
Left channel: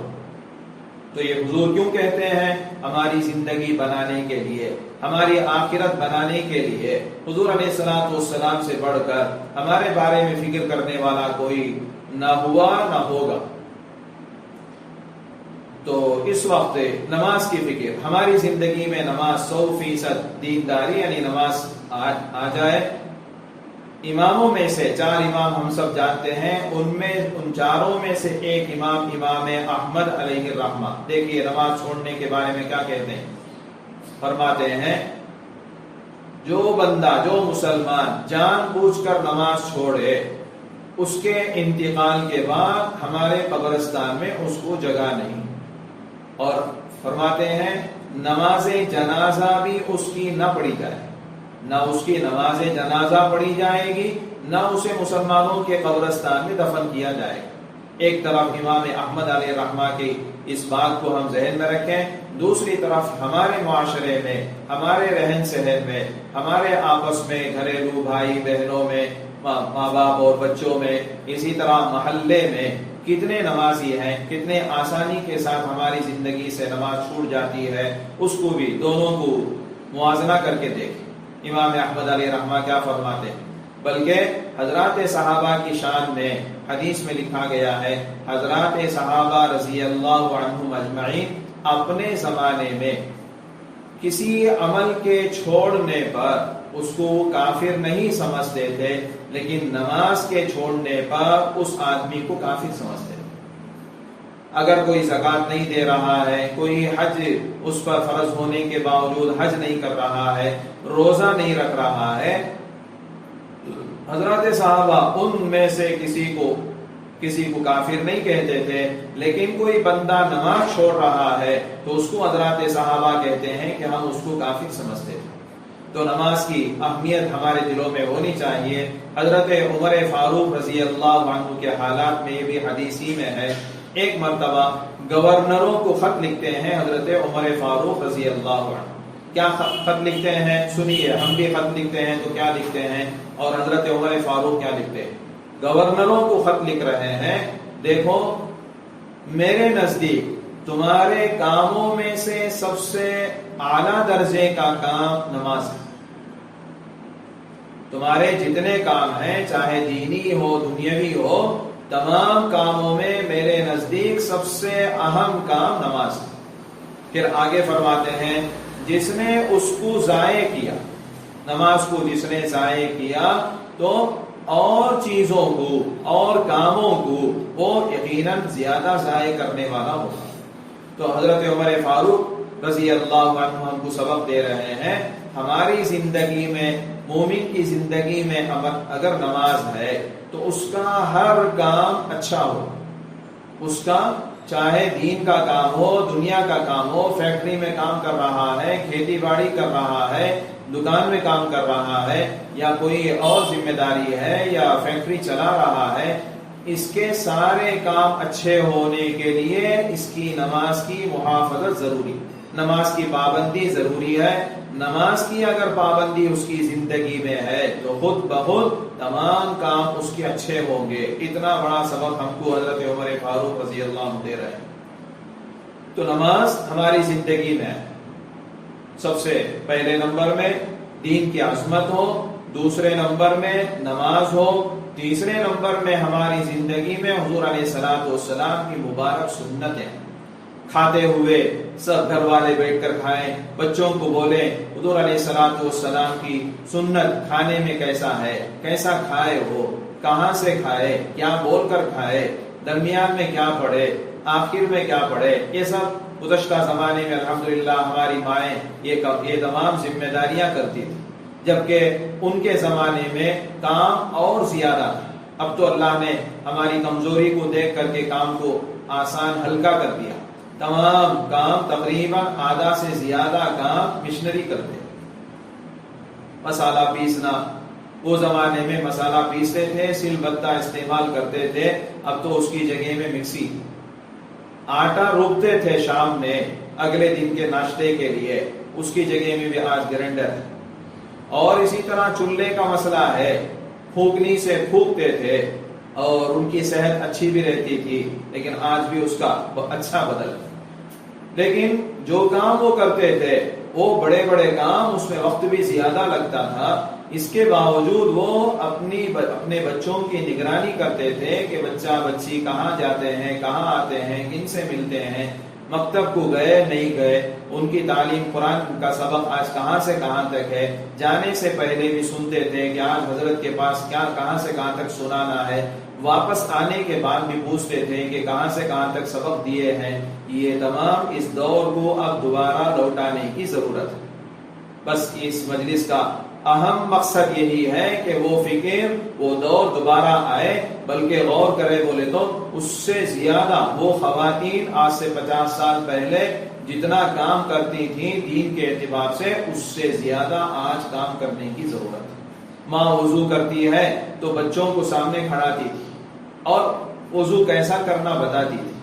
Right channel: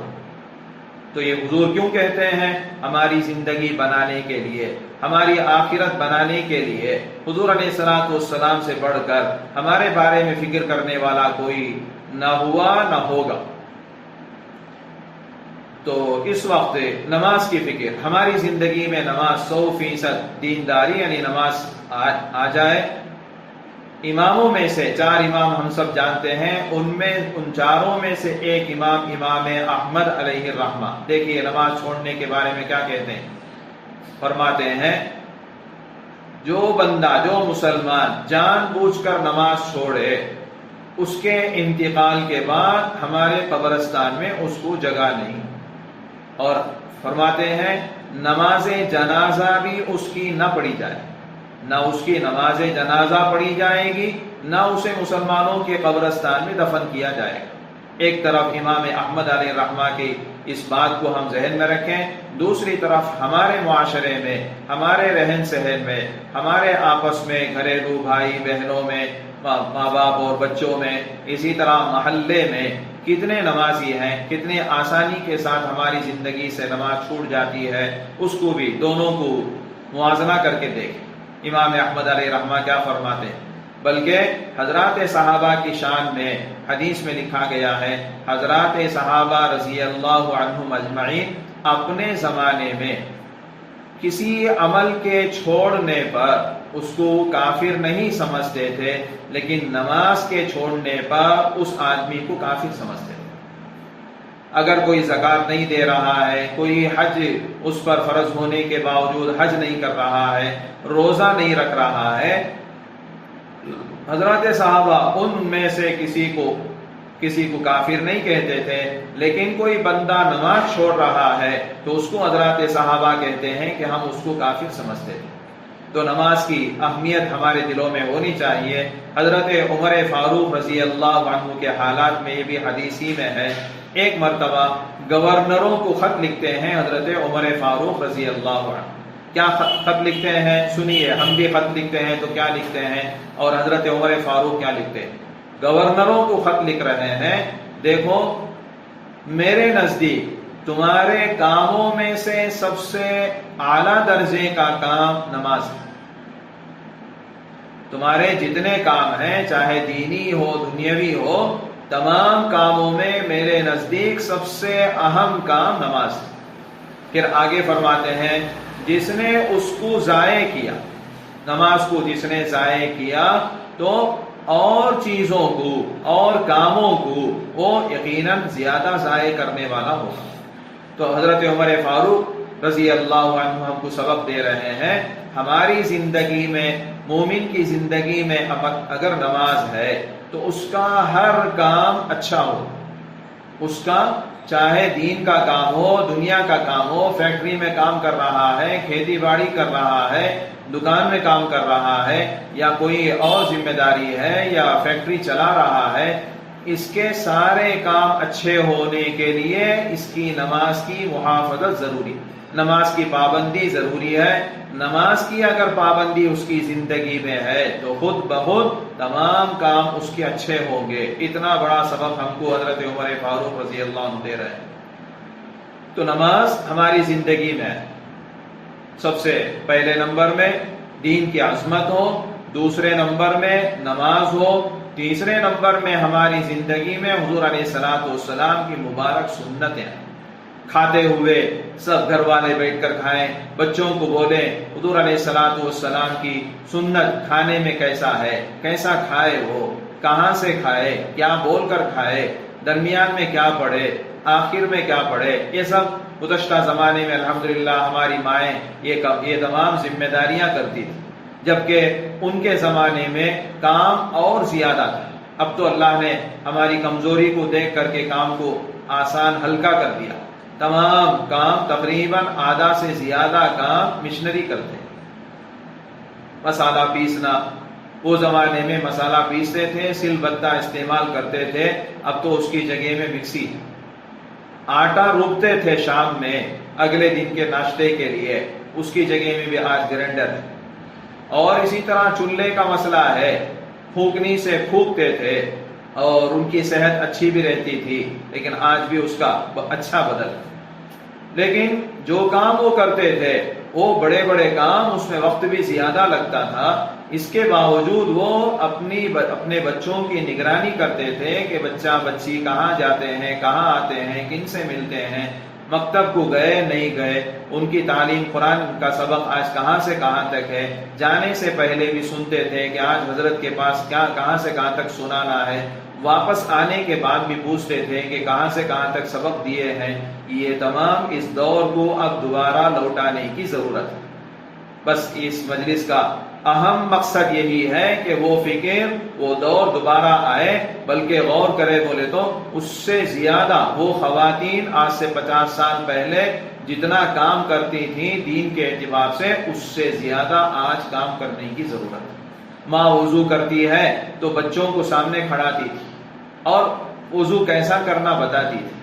تو یہ حضور کیوں کہتے ہیں؟ ہماری زندگی بنانے کے لیے، ہماری آخرت بنانے کے لیے۔ حضور علیہ الصلوۃ والسلام سے بڑھ کر ہمارے بارے میں فکر کرنے والا کوئی نہ ہوا نہ ہوگا۔ تو اس وقت نماز کی فکر، ہماری زندگی میں نماز 100% دینداری یعنی نماز آ جائے۔ اماموں میں سے 4 امام ہم سب جانتے ہیں، ان چاروں میں سے ایک امام احمد علیہ الرحمہ، دیکھیے نماز چھوڑنے کے بارے میں کیا کہتے ہیں، فرماتے ہیں جو بندہ، جو مسلمان جان بوجھ کر نماز چھوڑے، اس کے انتقال کے بعد ہمارے قبرستان میں اس کو جگہ نہیں، اور فرماتے ہیں نماز جنازہ بھی اس کی نہ پڑھی جائے، نہ اس کی نماز جنازہ پڑھی جائے گی، نہ اسے مسلمانوں کے قبرستان میں دفن کیا جائے گا۔ ایک طرف امام احمد علیہ الرحمہ کی اس بات کو ہم ذہن میں رکھیں، دوسری طرف ہمارے معاشرے میں، ہمارے رہن سہن میں، ہمارے آپس میں، گھریلو بھائی بہنوں میں، ماں باپ اور بچوں میں، اسی طرح محلے میں کتنے نمازی ہیں، کتنے آسانی کے ساتھ ہماری زندگی سے نماز چھوٹ جاتی ہے، اس کو بھی دونوں کو موازنہ کر کے دیکھیں۔ امام احمد علیہ الرحمہ کیا فرماتے ہیں؟ بلکہ حضرات صحابہ کی شان میں حدیث میں لکھا گیا ہے، حضرات صحابہ رضی اللہ عنہم اجمعین اپنے زمانے میں کسی عمل کے چھوڑنے پر اس کو کافر نہیں سمجھتے تھے، لیکن نماز کے چھوڑنے پر اس آدمی کو کافر سمجھتے تھے۔ اگر کوئی زکوٰۃ نہیں دے رہا ہے، کوئی حج اس پر فرض ہونے کے باوجود حج نہیں کر رہا ہے، روزہ نہیں رکھ رہا ہے، حضرات صحابہ ان میں سے کسی کو کافر نہیں کہتے تھے، لیکن کوئی بندہ نماز چھوڑ رہا ہے تو اس کو حضرات صحابہ کہتے ہیں کہ ہم اس کو کافر سمجھتے تھے۔ تو نماز کی اہمیت ہمارے دلوں میں ہونی چاہیے۔ حضرت عمر فاروق رضی اللہ عنہ کے حالات میں یہ بھی حدیثی میں ہے، ایک مرتبہ گورنروں کو خط لکھتے ہیں حضرت عمر فاروق رضی اللہ عنہ۔ کیا خط لکھتے ہیں؟ سنیے، ہم بھی خط لکھتے ہیں تو کیا لکھتے ہیں، اور حضرت عمر فاروق کیا لکھتے ہیں؟ گورنروں کو خط لکھ رہے ہیں، دیکھو میرے نزدیک تمہارے کاموں میں سے سب سے اعلیٰ درجے کا کام نماز ہے۔ تمہارے جتنے کام ہیں، چاہے دینی ہو دنیاوی ہو، تمام کاموں میں میرے نزدیک سب سے اہم کام نماز ہے۔ پھر آگے فرماتے ہیں، جس نے اس کو ضائع کیا، نماز کو جس نے ضائع کیا تو اور چیزوں کو اور کاموں کو وہ یقیناً زیادہ ضائع کرنے والا ہوگا۔ تو حضرت عمر فاروق رضی اللہ عنہ ہم کو سبق دے رہے ہیں، ہماری زندگی میں، مومن کی زندگی میں اگر نماز ہے تو اس کا ہر کام اچھا ہو، اس کا چاہے دین کا کام ہو، دنیا کا کام ہو، فیکٹری میں کام کر رہا ہے، کھیتی باڑی کر رہا ہے، دکان میں کام کر رہا ہے، یا کوئی اور ذمہ داری ہے، یا فیکٹری چلا رہا ہے، اس کے سارے کام اچھے ہونے کے لیے اس کی نماز کی محافظت ضروری، نماز کی پابندی ضروری ہے۔ نماز کی اگر پابندی اس کی زندگی میں ہے تو خود بخود تمام کام اس کے اچھے ہوں گے۔ اتنا بڑا سبب ہم کو حضرت عمر فاروق رضی اللہ عنہ دے رہے ہیں۔ تو نماز ہماری زندگی میں سب سے پہلے نمبر میں دین کی عظمت ہو، دوسرے نمبر میں نماز ہو، تیسرے نمبر میں ہماری زندگی میں حضور علیہ الصلوۃ والسلام کی مبارک سنتیں ہیں۔ کھاتے ہوئے سب گھر والے بیٹھ کر کھائیں، بچوں کو بولیں حضور علیہ الصلوۃ والسلام کی سنت کھانے میں کیسا ہے، کیسا کھائے ہو، کہاں سے کھائے، کیا بول کر کھائے، درمیان میں کیا پڑھے، آخر میں کیا پڑھے، یہ سب گزشتہ زمانے میں الحمدللہ ہماری مائیں یہ تمام ذمہ داریاں کرتی تھی، جبکہ ان کے زمانے میں کام اور زیادہ تھا۔ اب تو اللہ نے ہماری کمزوری کو دیکھ کر کے کام کو آسان ہلکا کر دیا، تمام کام تقریباً آدھا سے زیادہ کام مشنری کرتے ہیں۔ مسالہ پیسنا، وہ زمانے میں مسالہ پیستے تھے، سل بتہ استعمال کرتے تھے، اب تو اس کی جگہ میں مکسی۔ آٹا روکتے تھے شام میں اگلے دن کے ناشتے کے لیے، اس کی جگہ میں بھی آج گرینڈر ہے۔ اور اسی طرح چولہے کا مسئلہ ہے، پھونکنی سے پھونکتے تھے اور ان کی صحت اچھی بھی رہتی تھی، لیکن آج بھی اس کا اچھا بدل۔ لیکن جو کام وہ کرتے تھے وہ بڑے بڑے کام، اس میں وقت بھی زیادہ لگتا تھا، اس کے باوجود وہ اپنے بچوں کی نگرانی کرتے تھے کہ بچہ بچی کہاں جاتے ہیں، کہاں آتے ہیں، کن سے ملتے ہیں، مکتب کو گئے نہیں گئے، ان کی تعلیم قرآن کا سبق آج کہاں سے کہاں تک ہے، جانے سے پہلے بھی سنتے تھے کہ آج حضرت کے پاس کہاں سے کہاں تک سنانا ہے، واپس آنے کے بعد بھی پوچھتے تھے کہ کہاں سے کہاں تک سبق دیے ہیں۔ یہ تمام اس دور کو اب دوبارہ لوٹانے کی ضرورت ہے۔ بس اس مجلس کا اہم مقصد یہی ہے کہ وہ فکر، وہ دور دوبارہ آئے، بلکہ غور کرے بولے تو اس سے زیادہ وہ خواتین آج سے 50 سال پہلے جتنا کام کرتی تھیں دین کے اعتبار سے، اس سے زیادہ آج کام کرنے کی ضرورت ہے۔ ماں وضو کرتی ہے تو بچوں کو سامنے کھڑاتی تھی اور وضو کیسا کرنا بتاتی تھی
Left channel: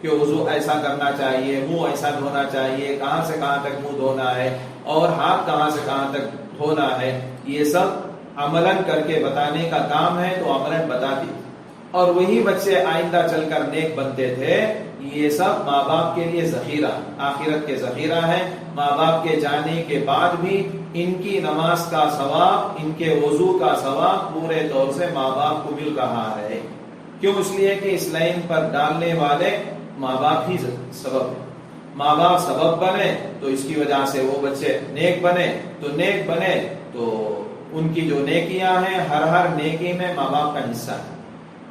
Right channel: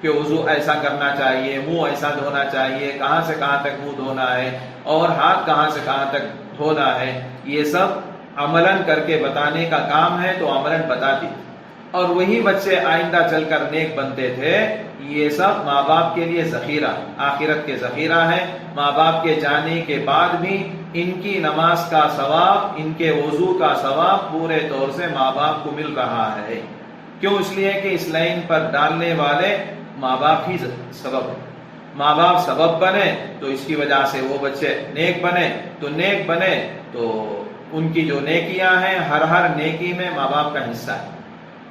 کہ وضو ایسا کرنا چاہیے، منہ ایسا دھونا چاہیے، کہاں سے کہاں تک منہ دھونا ہے، اور ہاتھ کہاں سے کہاں تک دھونا ہے، یہ سب عملاً کر کے بتانے کا کام ہے، تو عملاً بتاتی تھی۔ اور وہی بچے آئندہ چل کر نیک بنتے تھے۔ یہ سب ماں باپ کے لیے ذخیرہ، آخرت کے ذخیرہ ہیں۔ ماں باپ کے جانے کے بعد بھی ان کی نماز کا ثواب، ان کے وضو کا ثواب پورے طور سے ماں باپ کو مل رہا ہے۔ کیوں؟ اس لیے کہ اس لائن پر ڈالنے والے ماں باپ ہی سبب ہے۔ ماں باپ سبب بنے تو اس کی وجہ سے وہ بچے نیک بنے، تو نیک بنے تو ان کی جو نیکیاں ہیں، ہر نیکی میں ماں باپ کا حصہ ہے۔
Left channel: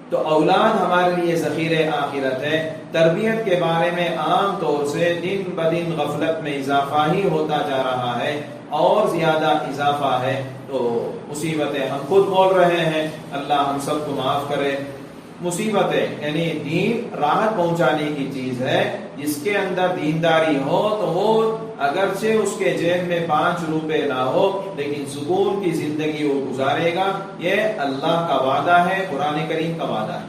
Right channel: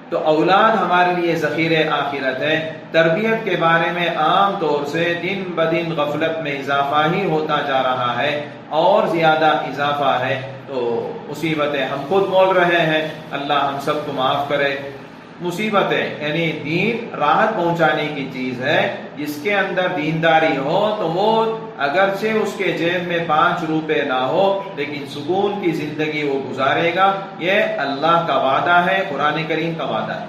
تو اولاد ہمارے لیے ذخیرہ آخرت ہے. تربیت کے بارے میں عام طور سے دن بدن غفلت میں اضافہ ہی ہوتا جا رہا ہے اور زیادہ اضافہ ہے. تو مصیبتیں ہم خود بول رہے ہیں، اللہ ہم سب کو معاف کرے. مصیبتیں یعنی دین راحت پہنچانے کی چیز ہے. جس کے اندر دینداری ہو تو وہ اگرچہ اس کے جیب میں 5 روپے نہ ہو لیکن سکون کی زندگی وہ گزارے گا. یہ اللہ کا وعدہ ہے، قرآن کریم کا وعدہ ہے.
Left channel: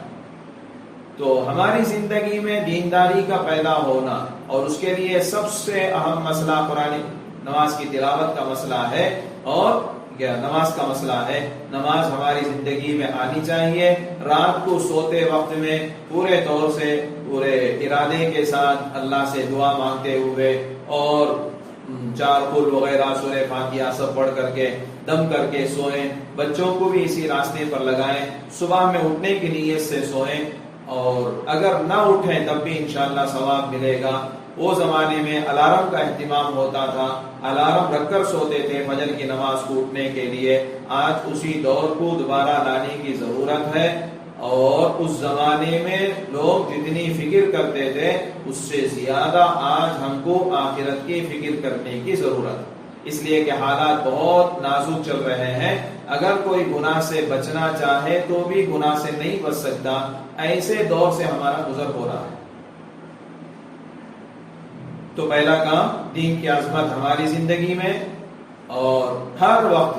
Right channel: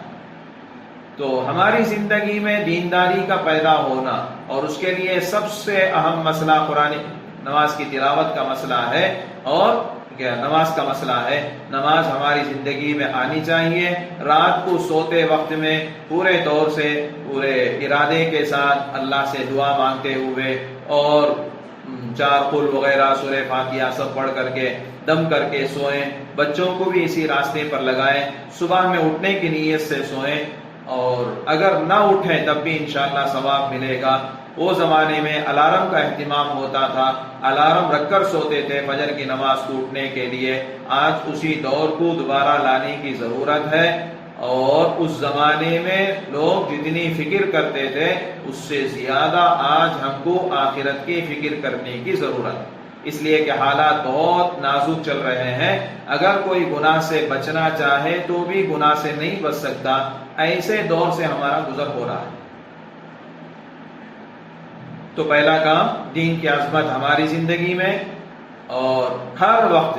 تو ہماری زندگی میں دینداری کا پیدا ہونا اور اس کے لیے سب سے اہم مسئلہ قرآن نماز کی تلاوت کا مسئلہ ہے اور نماز کا مسئلہ ہے. نماز ہماری زندگی میں آنی چاہیے. رات کو سوتے وقت میں پورے طور سے پورے ارادے کے ساتھ اللہ سے دعا مانگتے ہوئے اور 4 قل وغیرہ سورہ فاتحہ سب پڑھ کر کے دم کر کے سوئیں. بچوں کو بھی اسی راستے پر لگائیں. صبح میں اٹھنے کی نیت سے سوئیں اور اگر نہ اٹھیں تب بھی انشاءاللہ ثواب ملے گا. وہ زمانے میں الارم کا اہتمام ہوتا تھا، الارم رکھ کر سوتے تھے فجر کی نماز کو اٹھنے کے لیے. آج اسی دور کو دوبارہ لانے کی ضرورت ہے اور اس زمانے میں لوگ جتنی فکر کرتے تھے اس سے زیادہ آج ہم کو آخرت کی فکر کرنے کی ضرورت ہے. اس لیے کہ حالات بہت نازک چل رہے ہیں. اگر کوئی گناہ سے بچنا چاہے تو بھی گناہ سے نہیں بچ سکتا. ایسے دور سے ہمارا گزر ہو رہا ہے. تو پہلا کام دین کی عظمت ہماری زندگی میں اور ہر وقت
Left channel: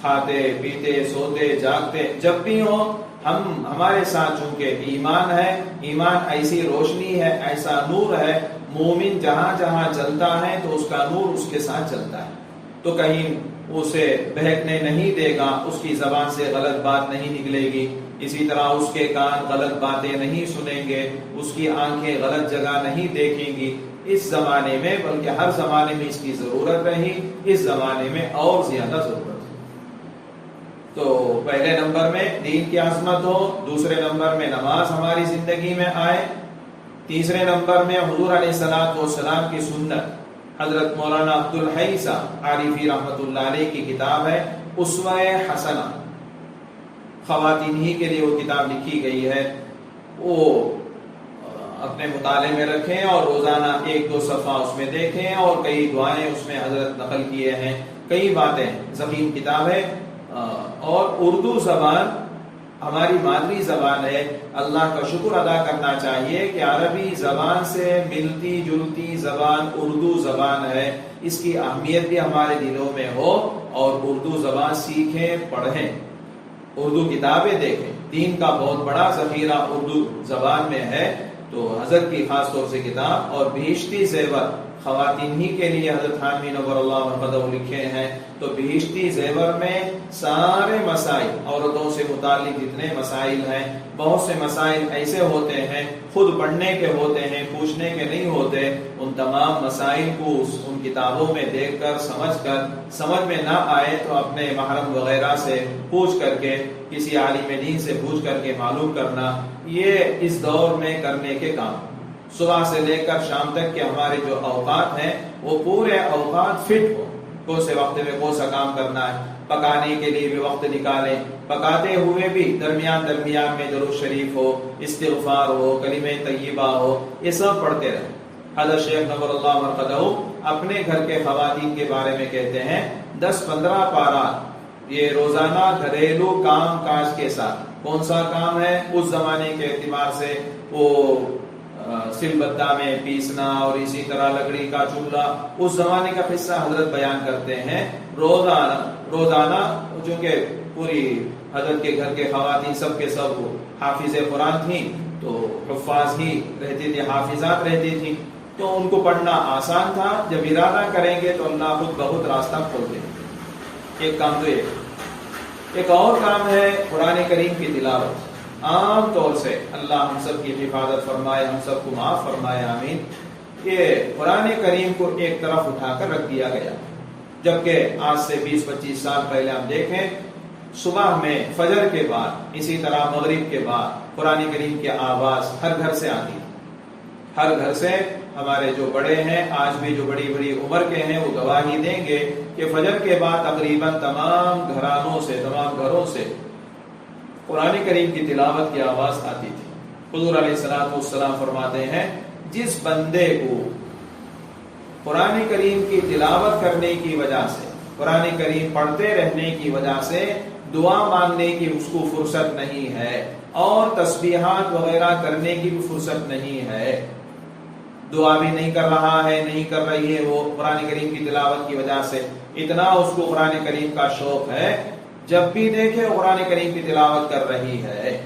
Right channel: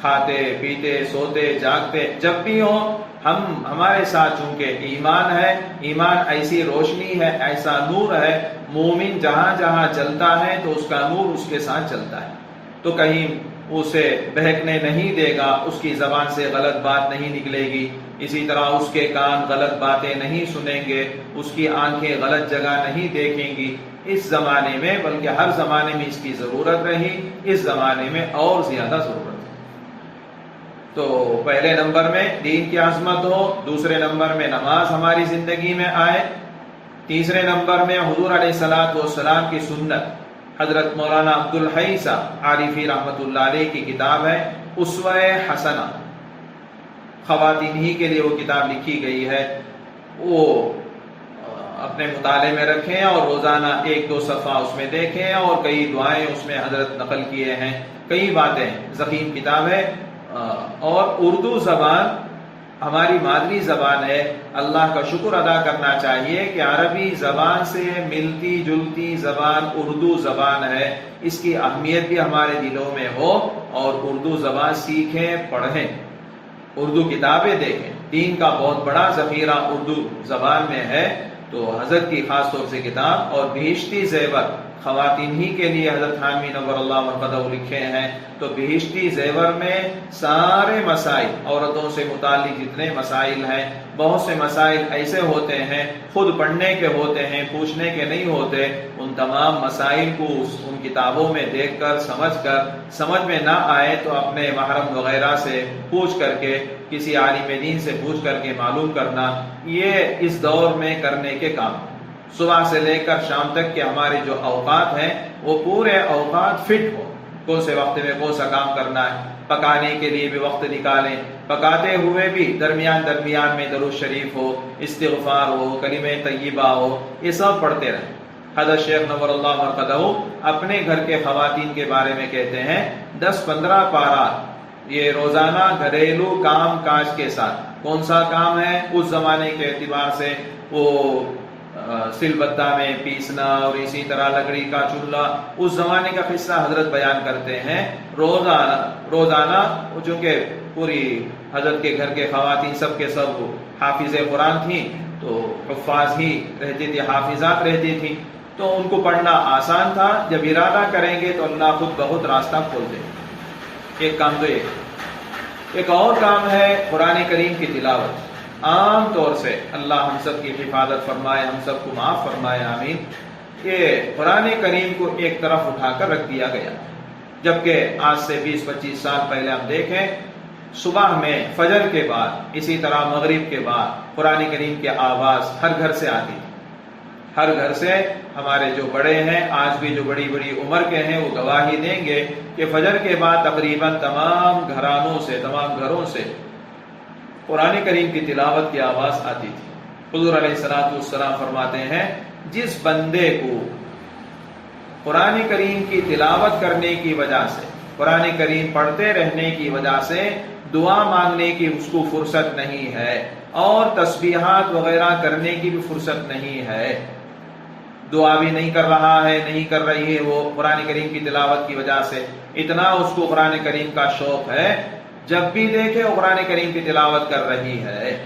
کھاتے پیتے سوتے جاگتے جب بھی ہو ہمارے ساتھ چونکہ ایمان ہے. ایمان ایسی روشنی ہے، ایسا نور ہے. مومن جہاں جہاں چلتا ہے تو اس کا نور اس کے ساتھ چلتا ہے. تو کہیں اسے بہکنے نہیں دے گا، اس کی زبان سے غلط بات نہیں نکلے گی. اسی طرح اس کے کان غلط باتیں نہیں سنیں گے، اس کی آنکھیں غلط جگہ نہیں دیکھیں گی. اس زمانے میں بلکہ ہر زمانے میں اس کی ضرورت رہی، اس زمانے میں اور زیادہ ضرورت ہے. تو پہلے نمبر میں دین کی عظمت ہو، دوسرے نمبر میں نماز ہماری زندگی میں آئے، تیسرے نمبر میں حضور علیہ الصلوۃ والسلام کی سنت. حضرت مولانا عبدالحی صاحب عارفی رحمۃ اللہ علیہ کی کتاب ہے اسوہ حسنہ. خواتین ہی کے لیے وہ کتاب لکھی گئی ہے. وہ اپنے مطالعے میں رکھیں اور روزانہ 1-2 صفحہ اس میں دیکھیں اور کئی دعائیں اس میں حضرت نقل کیے ہیں. کئی باتیں ضخیم کتاب ہے. اور اردو زبان ہماری مادری زبان ہے. اللہ کا شکر ادا کرنا چاہیے کہ عربی زبان سے ملتی جلتی زبان اردو زبان ہے. اس کی اہمیت بھی ہمارے دلوں میں ہو اور اردو زبان سیکھیں، پڑھیں، اردو کتابیں دیکھیں. دین کا بہت بڑا ذخیرہ اردو زبان میں ہے. تو حضرت کی خاص طور سے کتاب اور بہشتی زیور خواتین ہی کے لیے حضرت حامی نور اللہ مرقدہ لکھے ہیں. تو بہشتی زیور میں سارے مسائل، عورتوں سے متعلق جتنے مسائل ہیں، بہت سے مسائل ایسے ہوتے ہیں خود پڑھنے کے ہوتے ہیں، پوچھنے کے نہیں ہوتے. ان تمام مسائل کو ان کتابوں میں دیکھ کر سمجھ میں نہ آئے تو اپنے محرم وغیرہ سے پوچھ کر کے، کسی عالم دین سے پوچھ کر کے معلوم کرنا، یہ اس دور میں کرنے کے کام. صبح سے لے کر شام تک کے ہمارے جو اوقات ہیں وہ پورے اوقات فٹ ہو. کون سے وقت میں کون سا کام کرنا ہے، پکانے کے لیے بھی وقت نکالیں، پکاتے ہوئے بھی درمیان میں درود شریف ہو، استغفار ہو، کلمہ طیبہ ہو، یہ سب پڑھتے رہیں. حضرت شیخ نور اللہ مرقدہ اپنے گھر کے خواتین کے بارے میں کہتے ہیں 10-15 پارہ یہ روزانہ گھریلو کام کاج کے ساتھ. کون سا کام ہے؟ اس زمانے کے اعتبار سے وہ سل بتہ میں پیسنا اور اسی طرح لکڑی کا چولہا، اس زمانے کا قصہ حضرت بیان کرتے ہیں. روزانہ چونکہ پوری حضرت کے گھر کے خواتین سب کے سب حافظ قرآن تھیں تو حفاظ ہی رہتی تھی، حافظات رہتی تھیں، تو ان کو پڑھنا آسان تھا. جب ارادہ کریں گے تو اللہ خود بہت راستہ کھول دے. ایک کام تو ایک اور کام ہے قرآن کریم کی تلاوت. عام طور سے اللہ ہم سب کی حفاظت فرمائے، ہم سب کو معاف فرمائے، آمین. یہ قرآن کریم کو ایک طرف اٹھا کر رکھ دیا گیا، جبکہ آج سے 20-25 سال پہلے ہم دیکھیں صبح میں فجر کے بعد، اسی طرح مغرب کے بعد قرآن کریم کی آواز ہر گھر سے آتی تھی. ہر گھر سے. ہمارے جو بڑے ہیں آج بھی جو بڑی بڑی عمر کے ہیں وہ گواہی دیں گے کہ فجر کے بعد تقریباً تمام گھروں سے قرآن کریم کی تلاوت کی آواز آتی تھی۔ حضور علیہ السلام فرماتے ہیں جس بندے کو قرآن کریم کی تلاوت کرنے کی وجہ سے، قرآن کریم پڑھتے رہنے کی وجہ سے دعا مانگنے کی اس کو فرصت نہیں ہے اور تسبیحات وغیرہ کرنے کی بھی فرصت نہیں ہے، دعا بھی نہیں کر رہا ہے، نہیں کر رہی ہے وہ قرآن کریم کی تلاوت کی وجہ سے، اتنا اس کو قرآن کریم کا شوق ہے، جب بھی دیکھے وہ قرآن کریم کی تلاوت کر رہی ہے،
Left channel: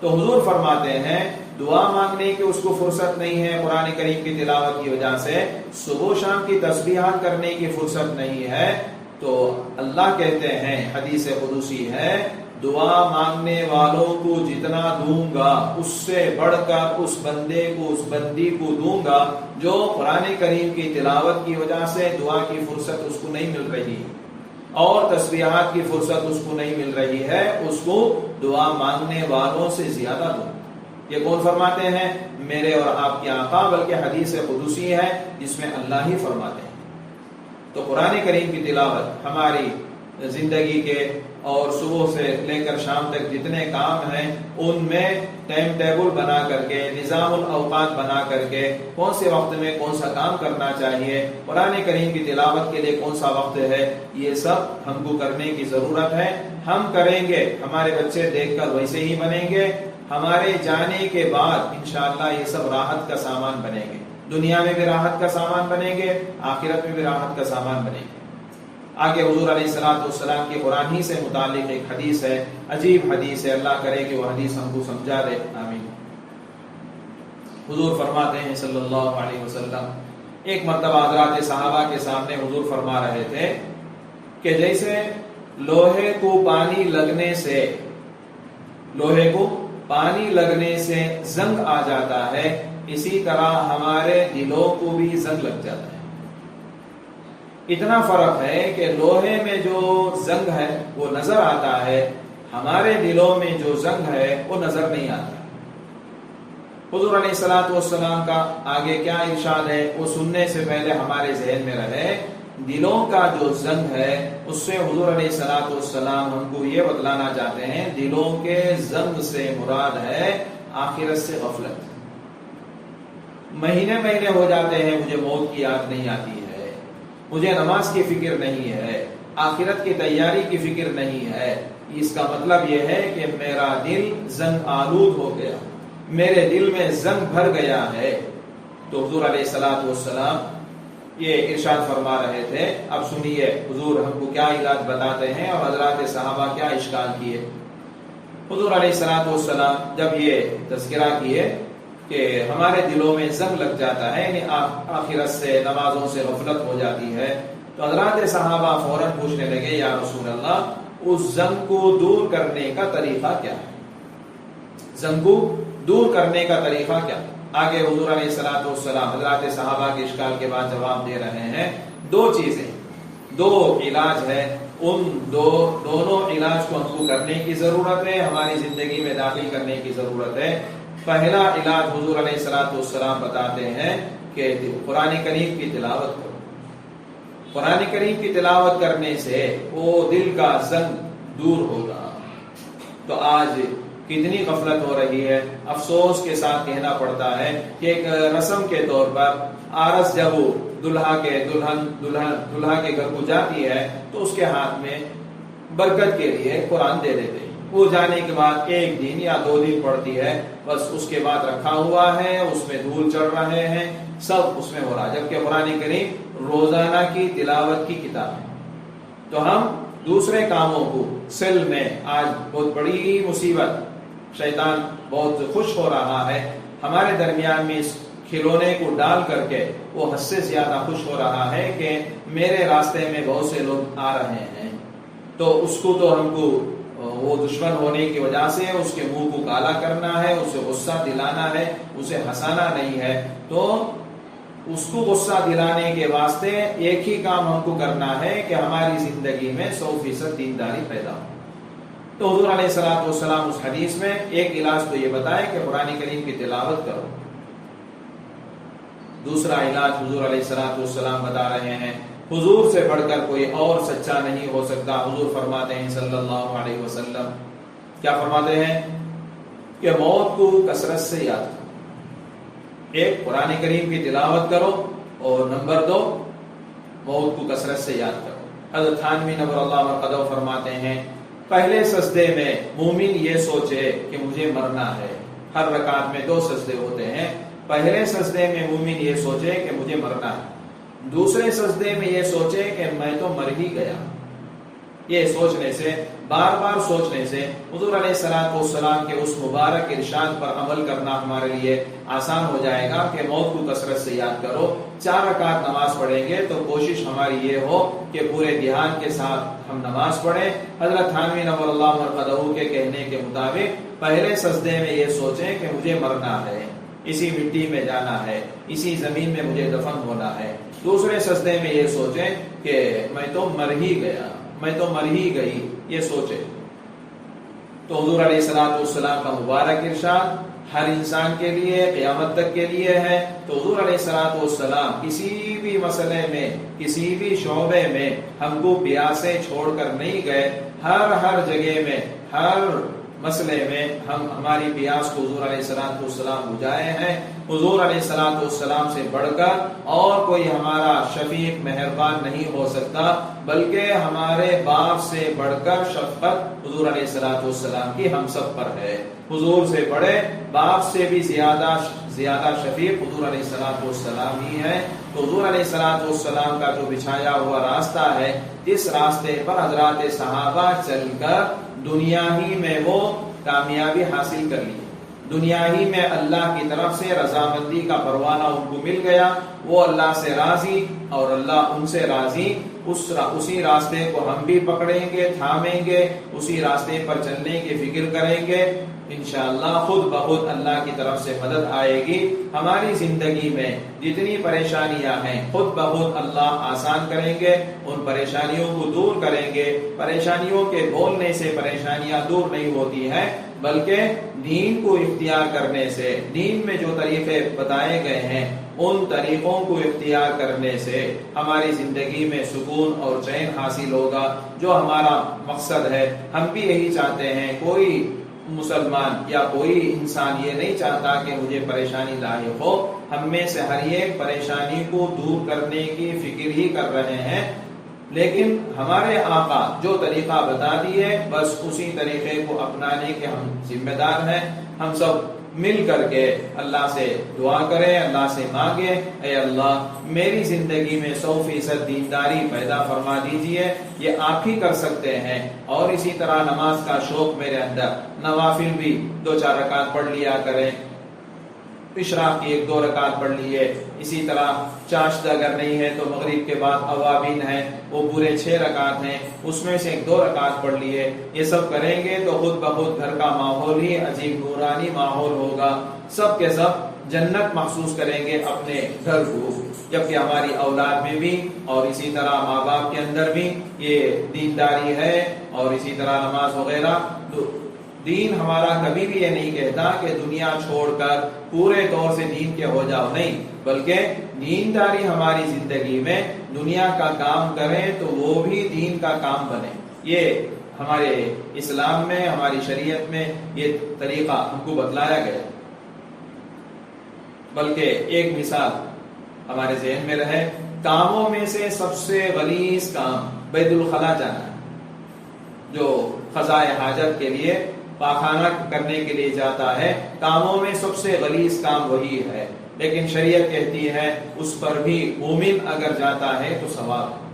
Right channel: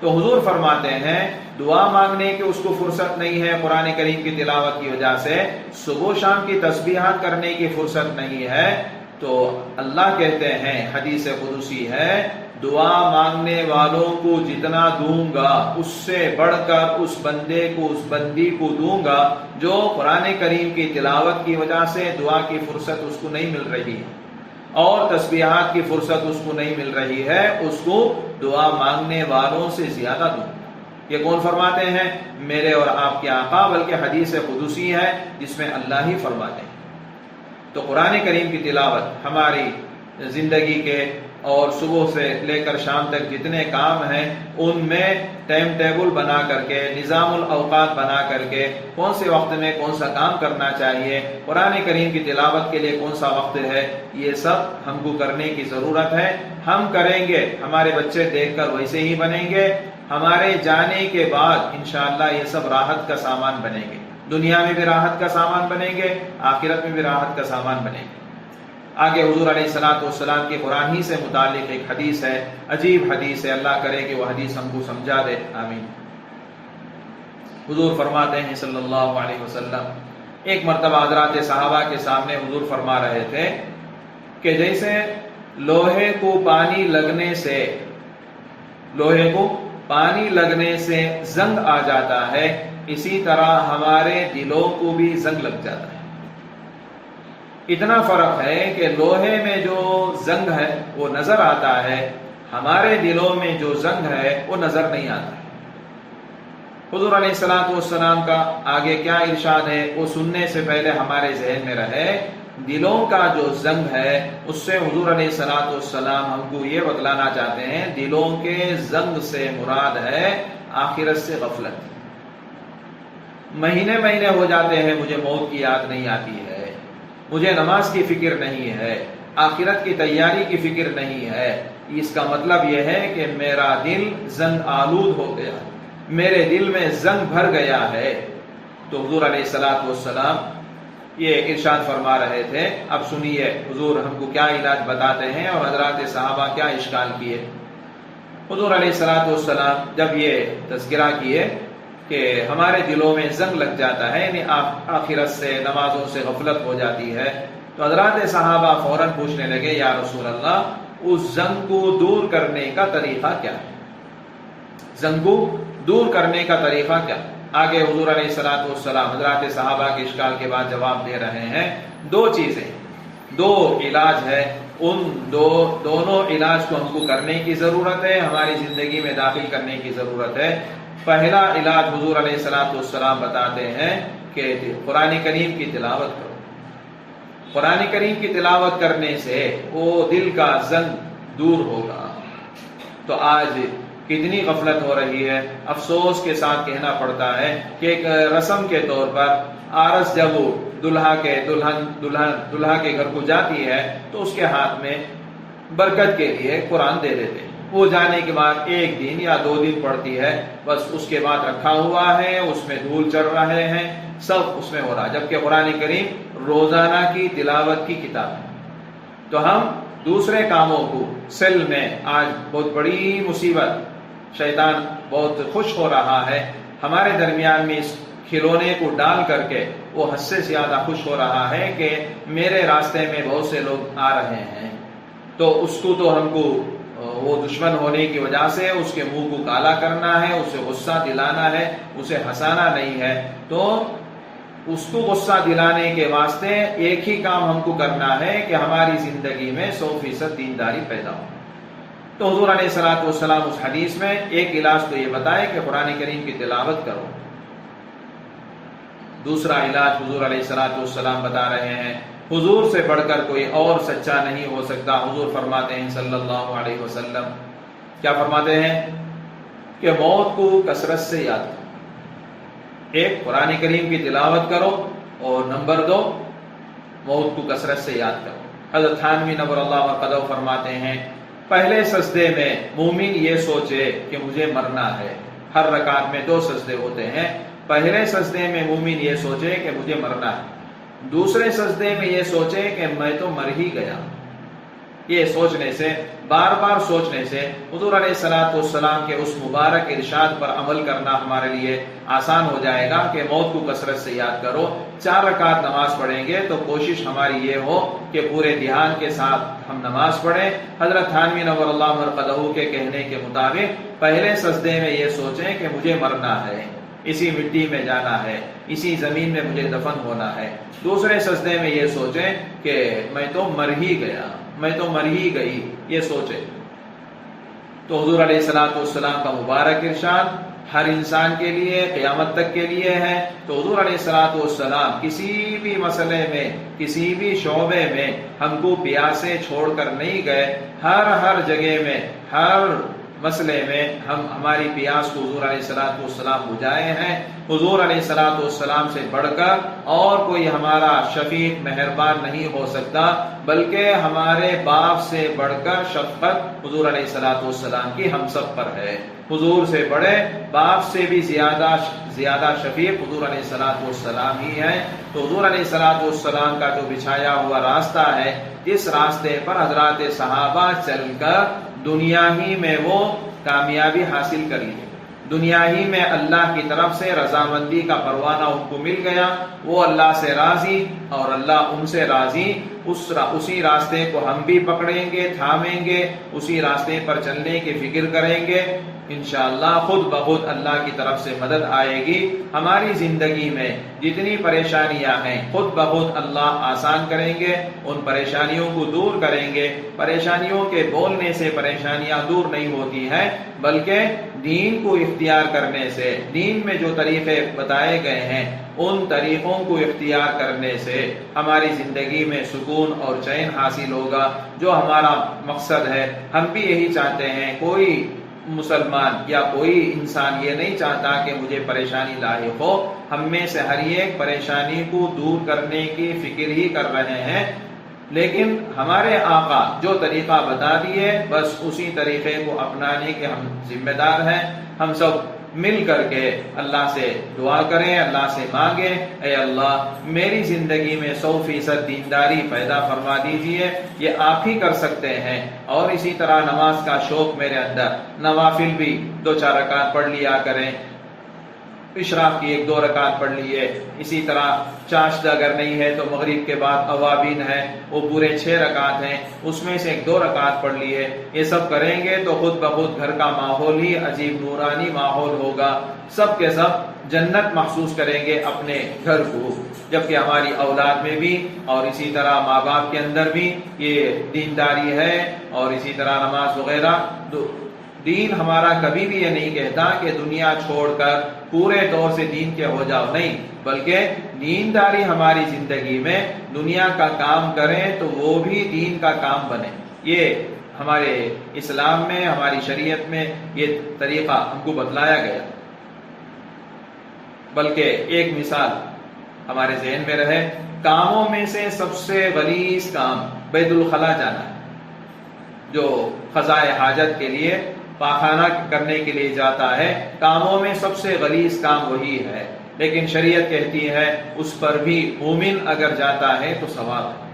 تو حضور فرماتے ہیں دعا مانگنے کی اس کو فرصت نہیں ہے قرآن کریم کی تلاوت کی وجہ سے، صبح و شام کی تسبیحات کرنے کی فرصت نہیں ہے، تو اللہ کہتے ہیں حدیث قدسی ہے دعا مانگنے والوں کو جتنا دوں گا اس سے بڑھ کر اس بندے کو، اس بندی کو دوں گا جو قرآن کریم کی تلاوت کی وجہ سے دعا کی فرصت اس کو نہیں مل رہی اور تسبیحات کی فرصت اس کو نہیں مل رہی ہے، اس کو دعا مانگنے والوں سے زیادہ دوں۔ یہ کون فرماتے ہیں؟ میرے اور آپ کے آقا، بلکہ حدیث قدسی ہے جس میں اللہ ہی فرماتے ہیں۔ تو قرآن کریم کی تلاوت ہماری زندگی کے اور صبح سے لے کر شام تک جتنے کام ہیں ان میں ٹائم ٹیبل بنا کر کے، نظام الاوقات بنا کر کے، کون سے وقت میں کون سا کام کرنا چاہیے، قرآن کریم کی تلاوت کے لیے کون سا وقت ہے، یہ سب ہم کو کرنے کی ضرورت ہے۔ ہم کریں گے، ہمارے بچے دیکھ کر ویسے ہی بنیں گے، ہمارے جانے کے بعد انشاءاللہ یہ سب راحت کا سامان بنیں گے، دنیا میں بھی راحت کا سامان بنیں گے، آخرت میں بھی راحت کا سامان بنیں گے۔ آگے حضور علیہ السلام کی قرآن ہی سے متعلق ایک حدیث ہے، عجیب حدیث ہے، اللہ کرے کہ وہ حدیث ہم کو سمجھا دے، آمین۔ حضور فرماتے ہیں صلی اللہ علیہ وسلم، ایک مرتبہ حضرات صحابہ کے سامنے حضور فرما رہے تھے کہ جیسے لوہے کو پانی لگنے سے زنگ آ جاتا ہے، اسی طرح ہمارے دلوں کو بھی زنگ لگ جاتا ہے۔ اتنا فرق ہے کہ لوہے میں جو زنگ ہے وہ نظر آتا ہے، ہمارے دلوں میں جو زنگ ہے وہ نظر نہیں آتا ہے۔ حضور علیہ السلام کا آگے کیا ارشاد ہے وہ سننے سے پہلے ہمارے ذہن میں رہے، دلوں کا جو زنگ ہے اس سے حضور علیہ السلام ہم کو یہ بتلانا چاہتے ہیں، دلوں کے زنگ سے مراد ہے آخرت سے غفلت۔ مہینے ہو جاتے ہیں مجھے موت کی یاد نہیں آتی ہے، مجھے نماز کی فکر نہیں ہے، آخرت کی تیاری کی فکر نہیں ہے، اس کا مطلب یہ ہے کہ میرا دل زنگ آلود ہو گیا، میرے دل میں زنگ بھر گیا ہے۔ تو حضور علیہ السلام یہ ارشاد فرما رہے تھے۔ اب سنیے حضور ہم کو کیا علاج بتاتے ہیں اور حضرات صحابہ کیا اشکال کیے۔ حضور علیہ السلام جب یہ تذکرہ کیے کہ ہمارے دلوں میں زنگ لگ جاتا ہے، یعنی آخرت سے، نمازوں سے غفلت ہو جاتی ہے، تو حضرات صحابہ فوراً پوچھنے لگے یا رسول اللہ اس زنگ کو دور کرنے کا طریقہ کیا ہے؟ زنگ کو دور کرنے کا طریقہ کیا؟ آگے حضور علیہ السلام حضرات صحابہ کے اشکال کے بعد جواب دے رہے ہیں، دو چیزیں، دو علاج ہے، ان دونوں علاج کو ہم کو کرنے کی ضرورت ہے، ہماری زندگی میں داخل کرنے کی ضرورت ہے۔ پہلا علاج حضور علیہ السلام بتاتے ہیں کہ قرآن کریم کی تلاوت کرو۔ قرآن کریم کی تلاوت کرنے سے وہ دل کا زنگ دور ہوگا۔ تو آج کتنی غفلت ہو رہی ہے، افسوس کے ساتھ کہنا پڑتا ہے کہ ایک رسم کے طور پر عارس جب دلہا کے گھر کو جاتی ہے تو اس کے ہاتھ میں برکت کے لیے قرآن دے دیتے ہیں، وہ جانے کے بعد ایک دن یا 2 دن پڑتی ہے، بس اس کے بعد رکھا ہوا ہے، اس میں دھول چڑھ رہے ہیں، سب اس میں ہو رہا ہے، جبکہ قرآن کریم روزانہ کی تلاوت کی کتاب ہے۔ تو ہم دوسرے کاموں کو سل میں، آج بہت بڑی مصیبت، شیطان بہت خوش ہو رہا ہے ہمارے درمیان میں اس کھلونے کو ڈال کر کے، وہ حد سے زیادہ خوش ہو رہا ہے کہ میرے راستے میں بہت سے لوگ آ رہے ہیں، تو اس کو تو ہم کو وہ دشمن ہونے کی وجہ سے اس کے منہ کو کالا کرنا ہے، اسے غصہ دلانا ہے، اسے ہنسانا نہیں ہے۔ تو اس کو غصہ دلانے کے واسطے ایک ہی کام ہم کو کرنا ہے کہ ہماری زندگی میں 100% دینداری پیدا ہو۔ تو حضور علیہ السلام اس حدیث میں ایک علاج تو یہ بتائے کہ قرآن کریم کی تلاوت کرو۔ دوسرا علاج حضور علیہ السلام بتا رہے ہیں، حضور سے بڑھ کر کوئی اور سچا نہیں ہو سکتا۔ حضور فرماتے ہیں صلی اللہ علیہ وسلم، کیا فرماتے ہیں کہ موت کو کثرت سے یاد کرو. ایک قرآن کریم کی تلاوت کرو اور نمبر 2 موت کو کثرت سے یاد کرو. حضرت تھانوی نور اللہ مرقدہ فرماتے ہیں پہلے سجدے میں مومن یہ سوچے کہ مجھے مرنا ہے. ہر رکعت میں 2 سجدے ہوتے ہیں. پہلے سجدے میں مومن یہ سوچے کہ مجھے مرنا ہے. دوسرے سجدے میں یہ سوچے کہ میں تو مر ہی گیا. یہ سوچنے سے، بار بار سوچنے سے حضور علیہ الصلوۃ والسلام کے اس مبارک ارشاد پر عمل کرنا ہمارے لیے آسان ہو جائے گا کہ موت کو کثرت سے یاد کرو. 4 رکعت نماز پڑھیں گے تو کوشش ہماری یہ ہو کہ پورے دھیان کے ساتھ ہم نماز پڑھیں. حضرت تھانوی نور اللہ مرقدہ کے کہنے کے مطابق پہلے سجدے میں یہ سوچیں کہ مجھے مرنا ہے، اسی مٹی میں جانا ہے، اسی زمین میں مجھے دفن ہونا ہے. دوسرے سجدے میں یہ سوچیں کہ میں تو مر ہی گیا، میں تو مر ہی گئی، یہ سوچے. تو حضور علیہ الصلوۃ والسلام کا مبارک ارشاد ہر انسان کے لیے قیامت تک کے لیے ہے. تو حضور علیہ الصلوۃ والسلام کسی بھی مسئلے میں، کسی بھی شعبے میں ہم کو پیاسے چھوڑ کر نہیں گئے. ہر جگہ میں، ہر مسئلے میں ہم ہماری پیاس کو حضور علیہ الصلوۃ والسلام بجھائے ہیں. حضور علیہ الصلوۃ والسلام سے بڑھ کر اور کوئی ہمارا شفیق مہربان نہیں ہو سکتا، بلکہ ہمارے باپ سے بڑھ کر شفقت حضور علیہ الصلوۃ والسلام کی ہم سب پر ہے. حضور سے بڑے، باپ سے بھی زیادہ شفیق حضور علیہ الصلوۃ والسلام ہی ہے. تو حضور علیہ الصلوۃ والسلام کا جو بچھایا ہوا راستہ ہے، اس راستے پر حضرات صحابہ چل کر دنیا ہی میں وہ کامیابی حاصل کر لی. دنیا ہی میں اللہ کی طرف سے رضامندی کا پروانہ ان کو مل گیا. وہ اللہ سے راضی اور اللہ ان سے راضی. اسی راستے کو ہم بھی پکڑیں گے، تھامیں گے، اسی راستے پر چلنے کی فکر کریں گے. انشاءاللہ خود بخود اللہ کی طرف سے مدد آئے گی. ہماری زندگی میں جتنی پریشانیاں ہیں خود بخود اللہ آسان کریں گے، ان پریشانیوں کو دور کریں گے. پریشانیوں کے بولنے سے پریشانیاں دور نہیں ہوتی ہیں، بلکہ دین کو اختیار کرنے سے، دین میں جو طریقے بتائے گئے ہیں ان طریقوں کو اختیار کرنے سے ہماری زندگی میں سکون اور چین حاصل ہوگا. جو ہمارا مقصد ہے، ہم بھی یہی چاہتے ہیں. کوئی مسلمان یا کوئی انسان یہ نہیں چاہتا کہ مجھے پریشانی لاحق ہو. ہم میں سے ہر ایک پریشانی کو دور کرنے کی فکر ہی کر رہے ہیں، لیکن ہمارے آقا جو طریقہ بتا دیے بس اسی طریقے کو اپنانے کے ہم ذمہ دار ہیں. ہم سب مل کر کے اللہ سے دعا کریں، اللہ سے مانگیں، اے اللہ میری زندگی میں 100% دینداری پیدا فرما دیجئے. یہ آپ ہی کر سکتے ہیں. اور اسی طرح نماز کا شوق میرے اندر، نوافل بھی 2-4 رکعت پڑھ لیا کریں. اشراق کی 1-2 رکعت پڑھ لیے. اسی طرح چاشت اگر نہیں ہے تو مغرب کے بعد اوابین ہے، وہ پورے 6 رکعت ہیں، اس میں سے 1-2 رکعت پڑھ لیے. یہ سب کریں گے تو خود بخود گھر کا ماحول ہی عجیب نورانی ماحول ہوگا. سب کے سب جنت محسوس کریں گے اپنے گھر کو، جبکہ ہماری اولاد میں بھی اور اسی طرح ماں باپ کے اندر بھی یہ دینداری ہے. اور اسی طرح نماز وغیرہ. دین ہمارا کبھی بھی یہ نہیں کہتا کہ دنیا چھوڑ کر پورے طور سے دین کے ہو جاؤ، نہیں، بلکہ دینداری ہماری زندگی میں دنیا کا کام کریں تو وہ بھی دین کا کام بنے. یہ ہمارے اسلام میں، ہماری شریعت میں یہ طریقہ ہم کو بتلایا گیا. بلکہ ایک مثال ہمارے ذہن میں رہے، کاموں میں سے سب سے غلیظ کام بیت الخلا جانا ہے. جو قضائے حاجت کے لیے، پاخانہ کرنے کے لیے جاتا ہے، کاموں میں سب سے غلیظ کام وہی ہے. لیکن شریعت کہتی ہے اس پر بھی مومن اگر جاتا ہے تو ثواب ہے.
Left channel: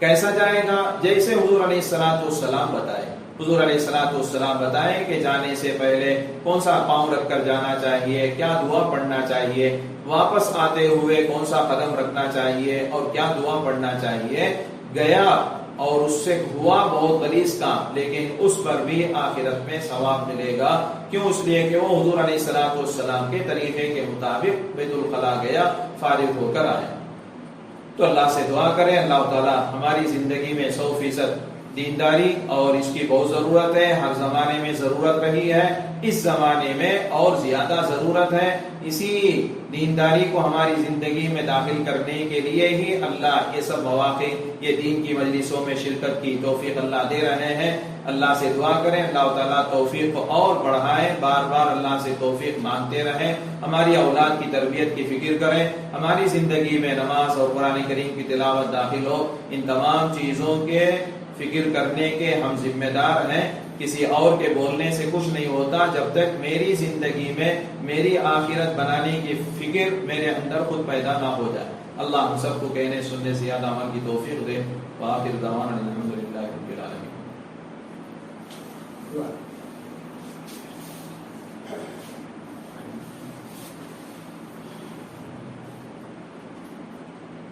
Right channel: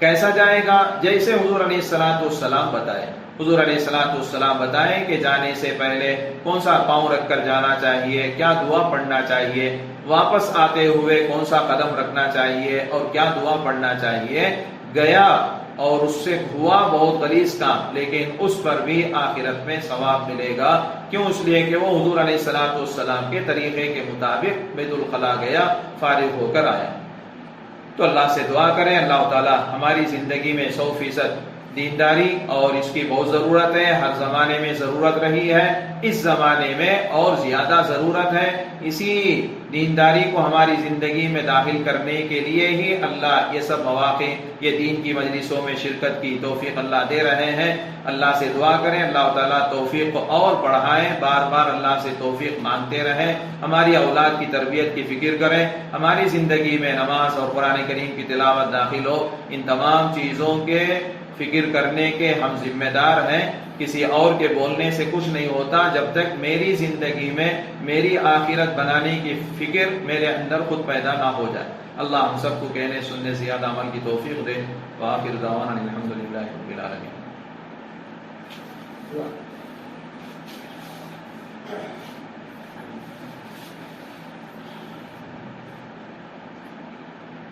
کیسا جائے گا؟ جیسے حضور علیہ الصلوۃ والسلام بتائے. حضور علیہ الصلوۃ والسلام بتائیں کہ جانے سے پہلے کون سا پاؤں رکھ کر جانا چاہیے، کیا دعا پڑھنا چاہیے، واپس آتے ہوئے کون سا قدم رکھنا چاہیے اور کیا دعا پڑھنا چاہیے. گیا اور اس سے ہوا بہت غلیظ کام، لیکن اس پر بھی آخرت میں ثواب ملے گا. کیوں؟ اس لیے کہ وہ حضور علیہ الصلوۃ والسلام کے طریقے کے مطابق بیت الخلا گیا، فارغ ہو کر آیا. تو اللہ سے دعا کریں اللہ تعالی ہماری زندگی میں 100% دینداری، اور اس کی بہت ضرورت ہے. ہر زمانے میں ضرورت رہی ہے، اس زمانے میں اور زیادہ ضرورت ہے. اسی دینداری کو ہماری زندگی میں داخل کرنے کے لیے ہی اللہ یہ سب مواقع، یہ دین کی مجلسوں میں شرکت کی توفیق اللہ دے رہے ہیں۔ اللہ سے دعا کریں اللہ تعالیٰ توفیق کو اور بڑھائیں، بار بار اللہ سے توفیق مانگتے رہیں، ہماری اولاد کی تربیت کی فکر کریں، ہماری زندگی میں نماز اور قرآن کریم کی تلاوت داخل ہو۔ ان تمام چیزوں کے فکر کرنے کے ہم ذمہ دار ہیں۔ کسی اور کے بولنے سے کچھ نہیں ہوتا جب تک میری زندگی میں میری آخرت بنانے کی فکر میرے اندر خود پیدا نہ ہو جائے۔ اللہ ہم سب کو کہنے سننے سے زیادہ عمل کی توفیق دے۔ وآخر دعوانا الحمدللہ رب العالمین۔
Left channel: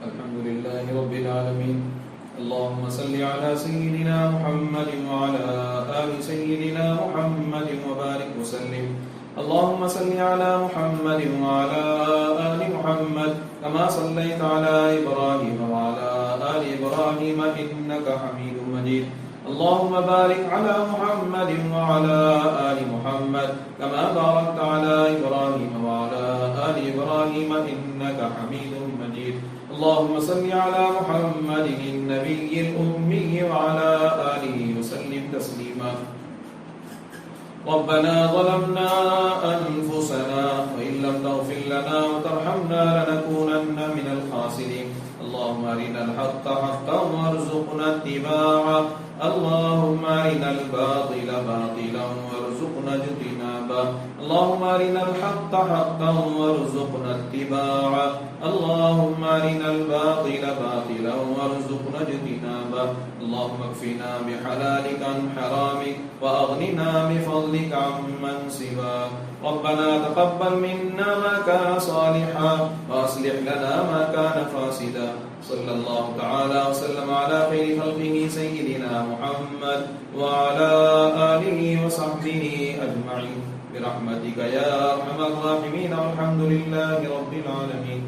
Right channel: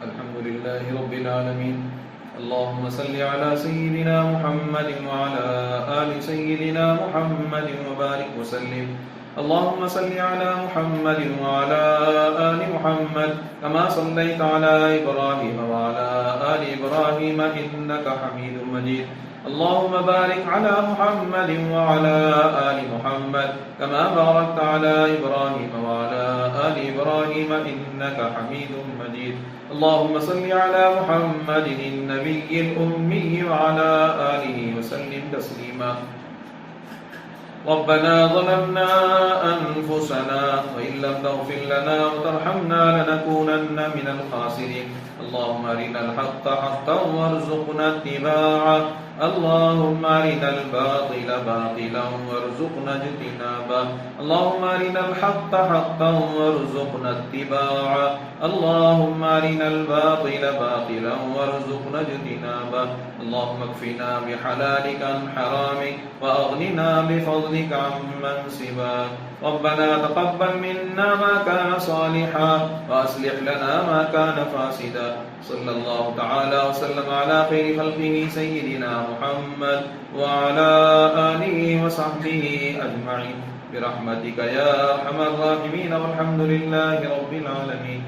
الحمدللہ رب العالمین۔ اللهم صل على سيدنا محمد وعلى آل سيدنا محمد وبارك وسلم۔ اللهم صل على محمد وعلى آل محمد كما صليت على إبراهيم وعلى آل إبراهيم إنك حميد مجيد۔ اللهم بارك على محمد وعلى آل محمد كما باركت على إبراهيم وعلى آل إبراهيم إنك حميد مجيد۔ اللهم صل على محمد النبي الأمي وعلى آله وسلم تسليما۔ ربنا ظلمنا أنفسنا وإن لم تغفر لنا وترحمنا لنكونن من الخاسرين۔ اللهم أرنا الحق حقا وارزقنا اتباعه، اللهم أرنا الباطل باطلا وارزقنا اجتنابه، اللهم أرنا الحق حقا وارزقنا اتباعه، اللهم أرنا الباطل باطلا وارزقنا اجتنابه، اللهم اكفنا بحلالك عن حرامك وأغننا بفضلك عمن سواك۔ ربنا تقبل منا ما كان صالحا وأصلح لنا ما كان فاسدا۔ صلى الله تعالى وسلم على خير خلقه سيدنا محمد وعلى آله وصحبه أجمعين برحمتك يا أرحم الراحمين، والحمد لله رب العالمين۔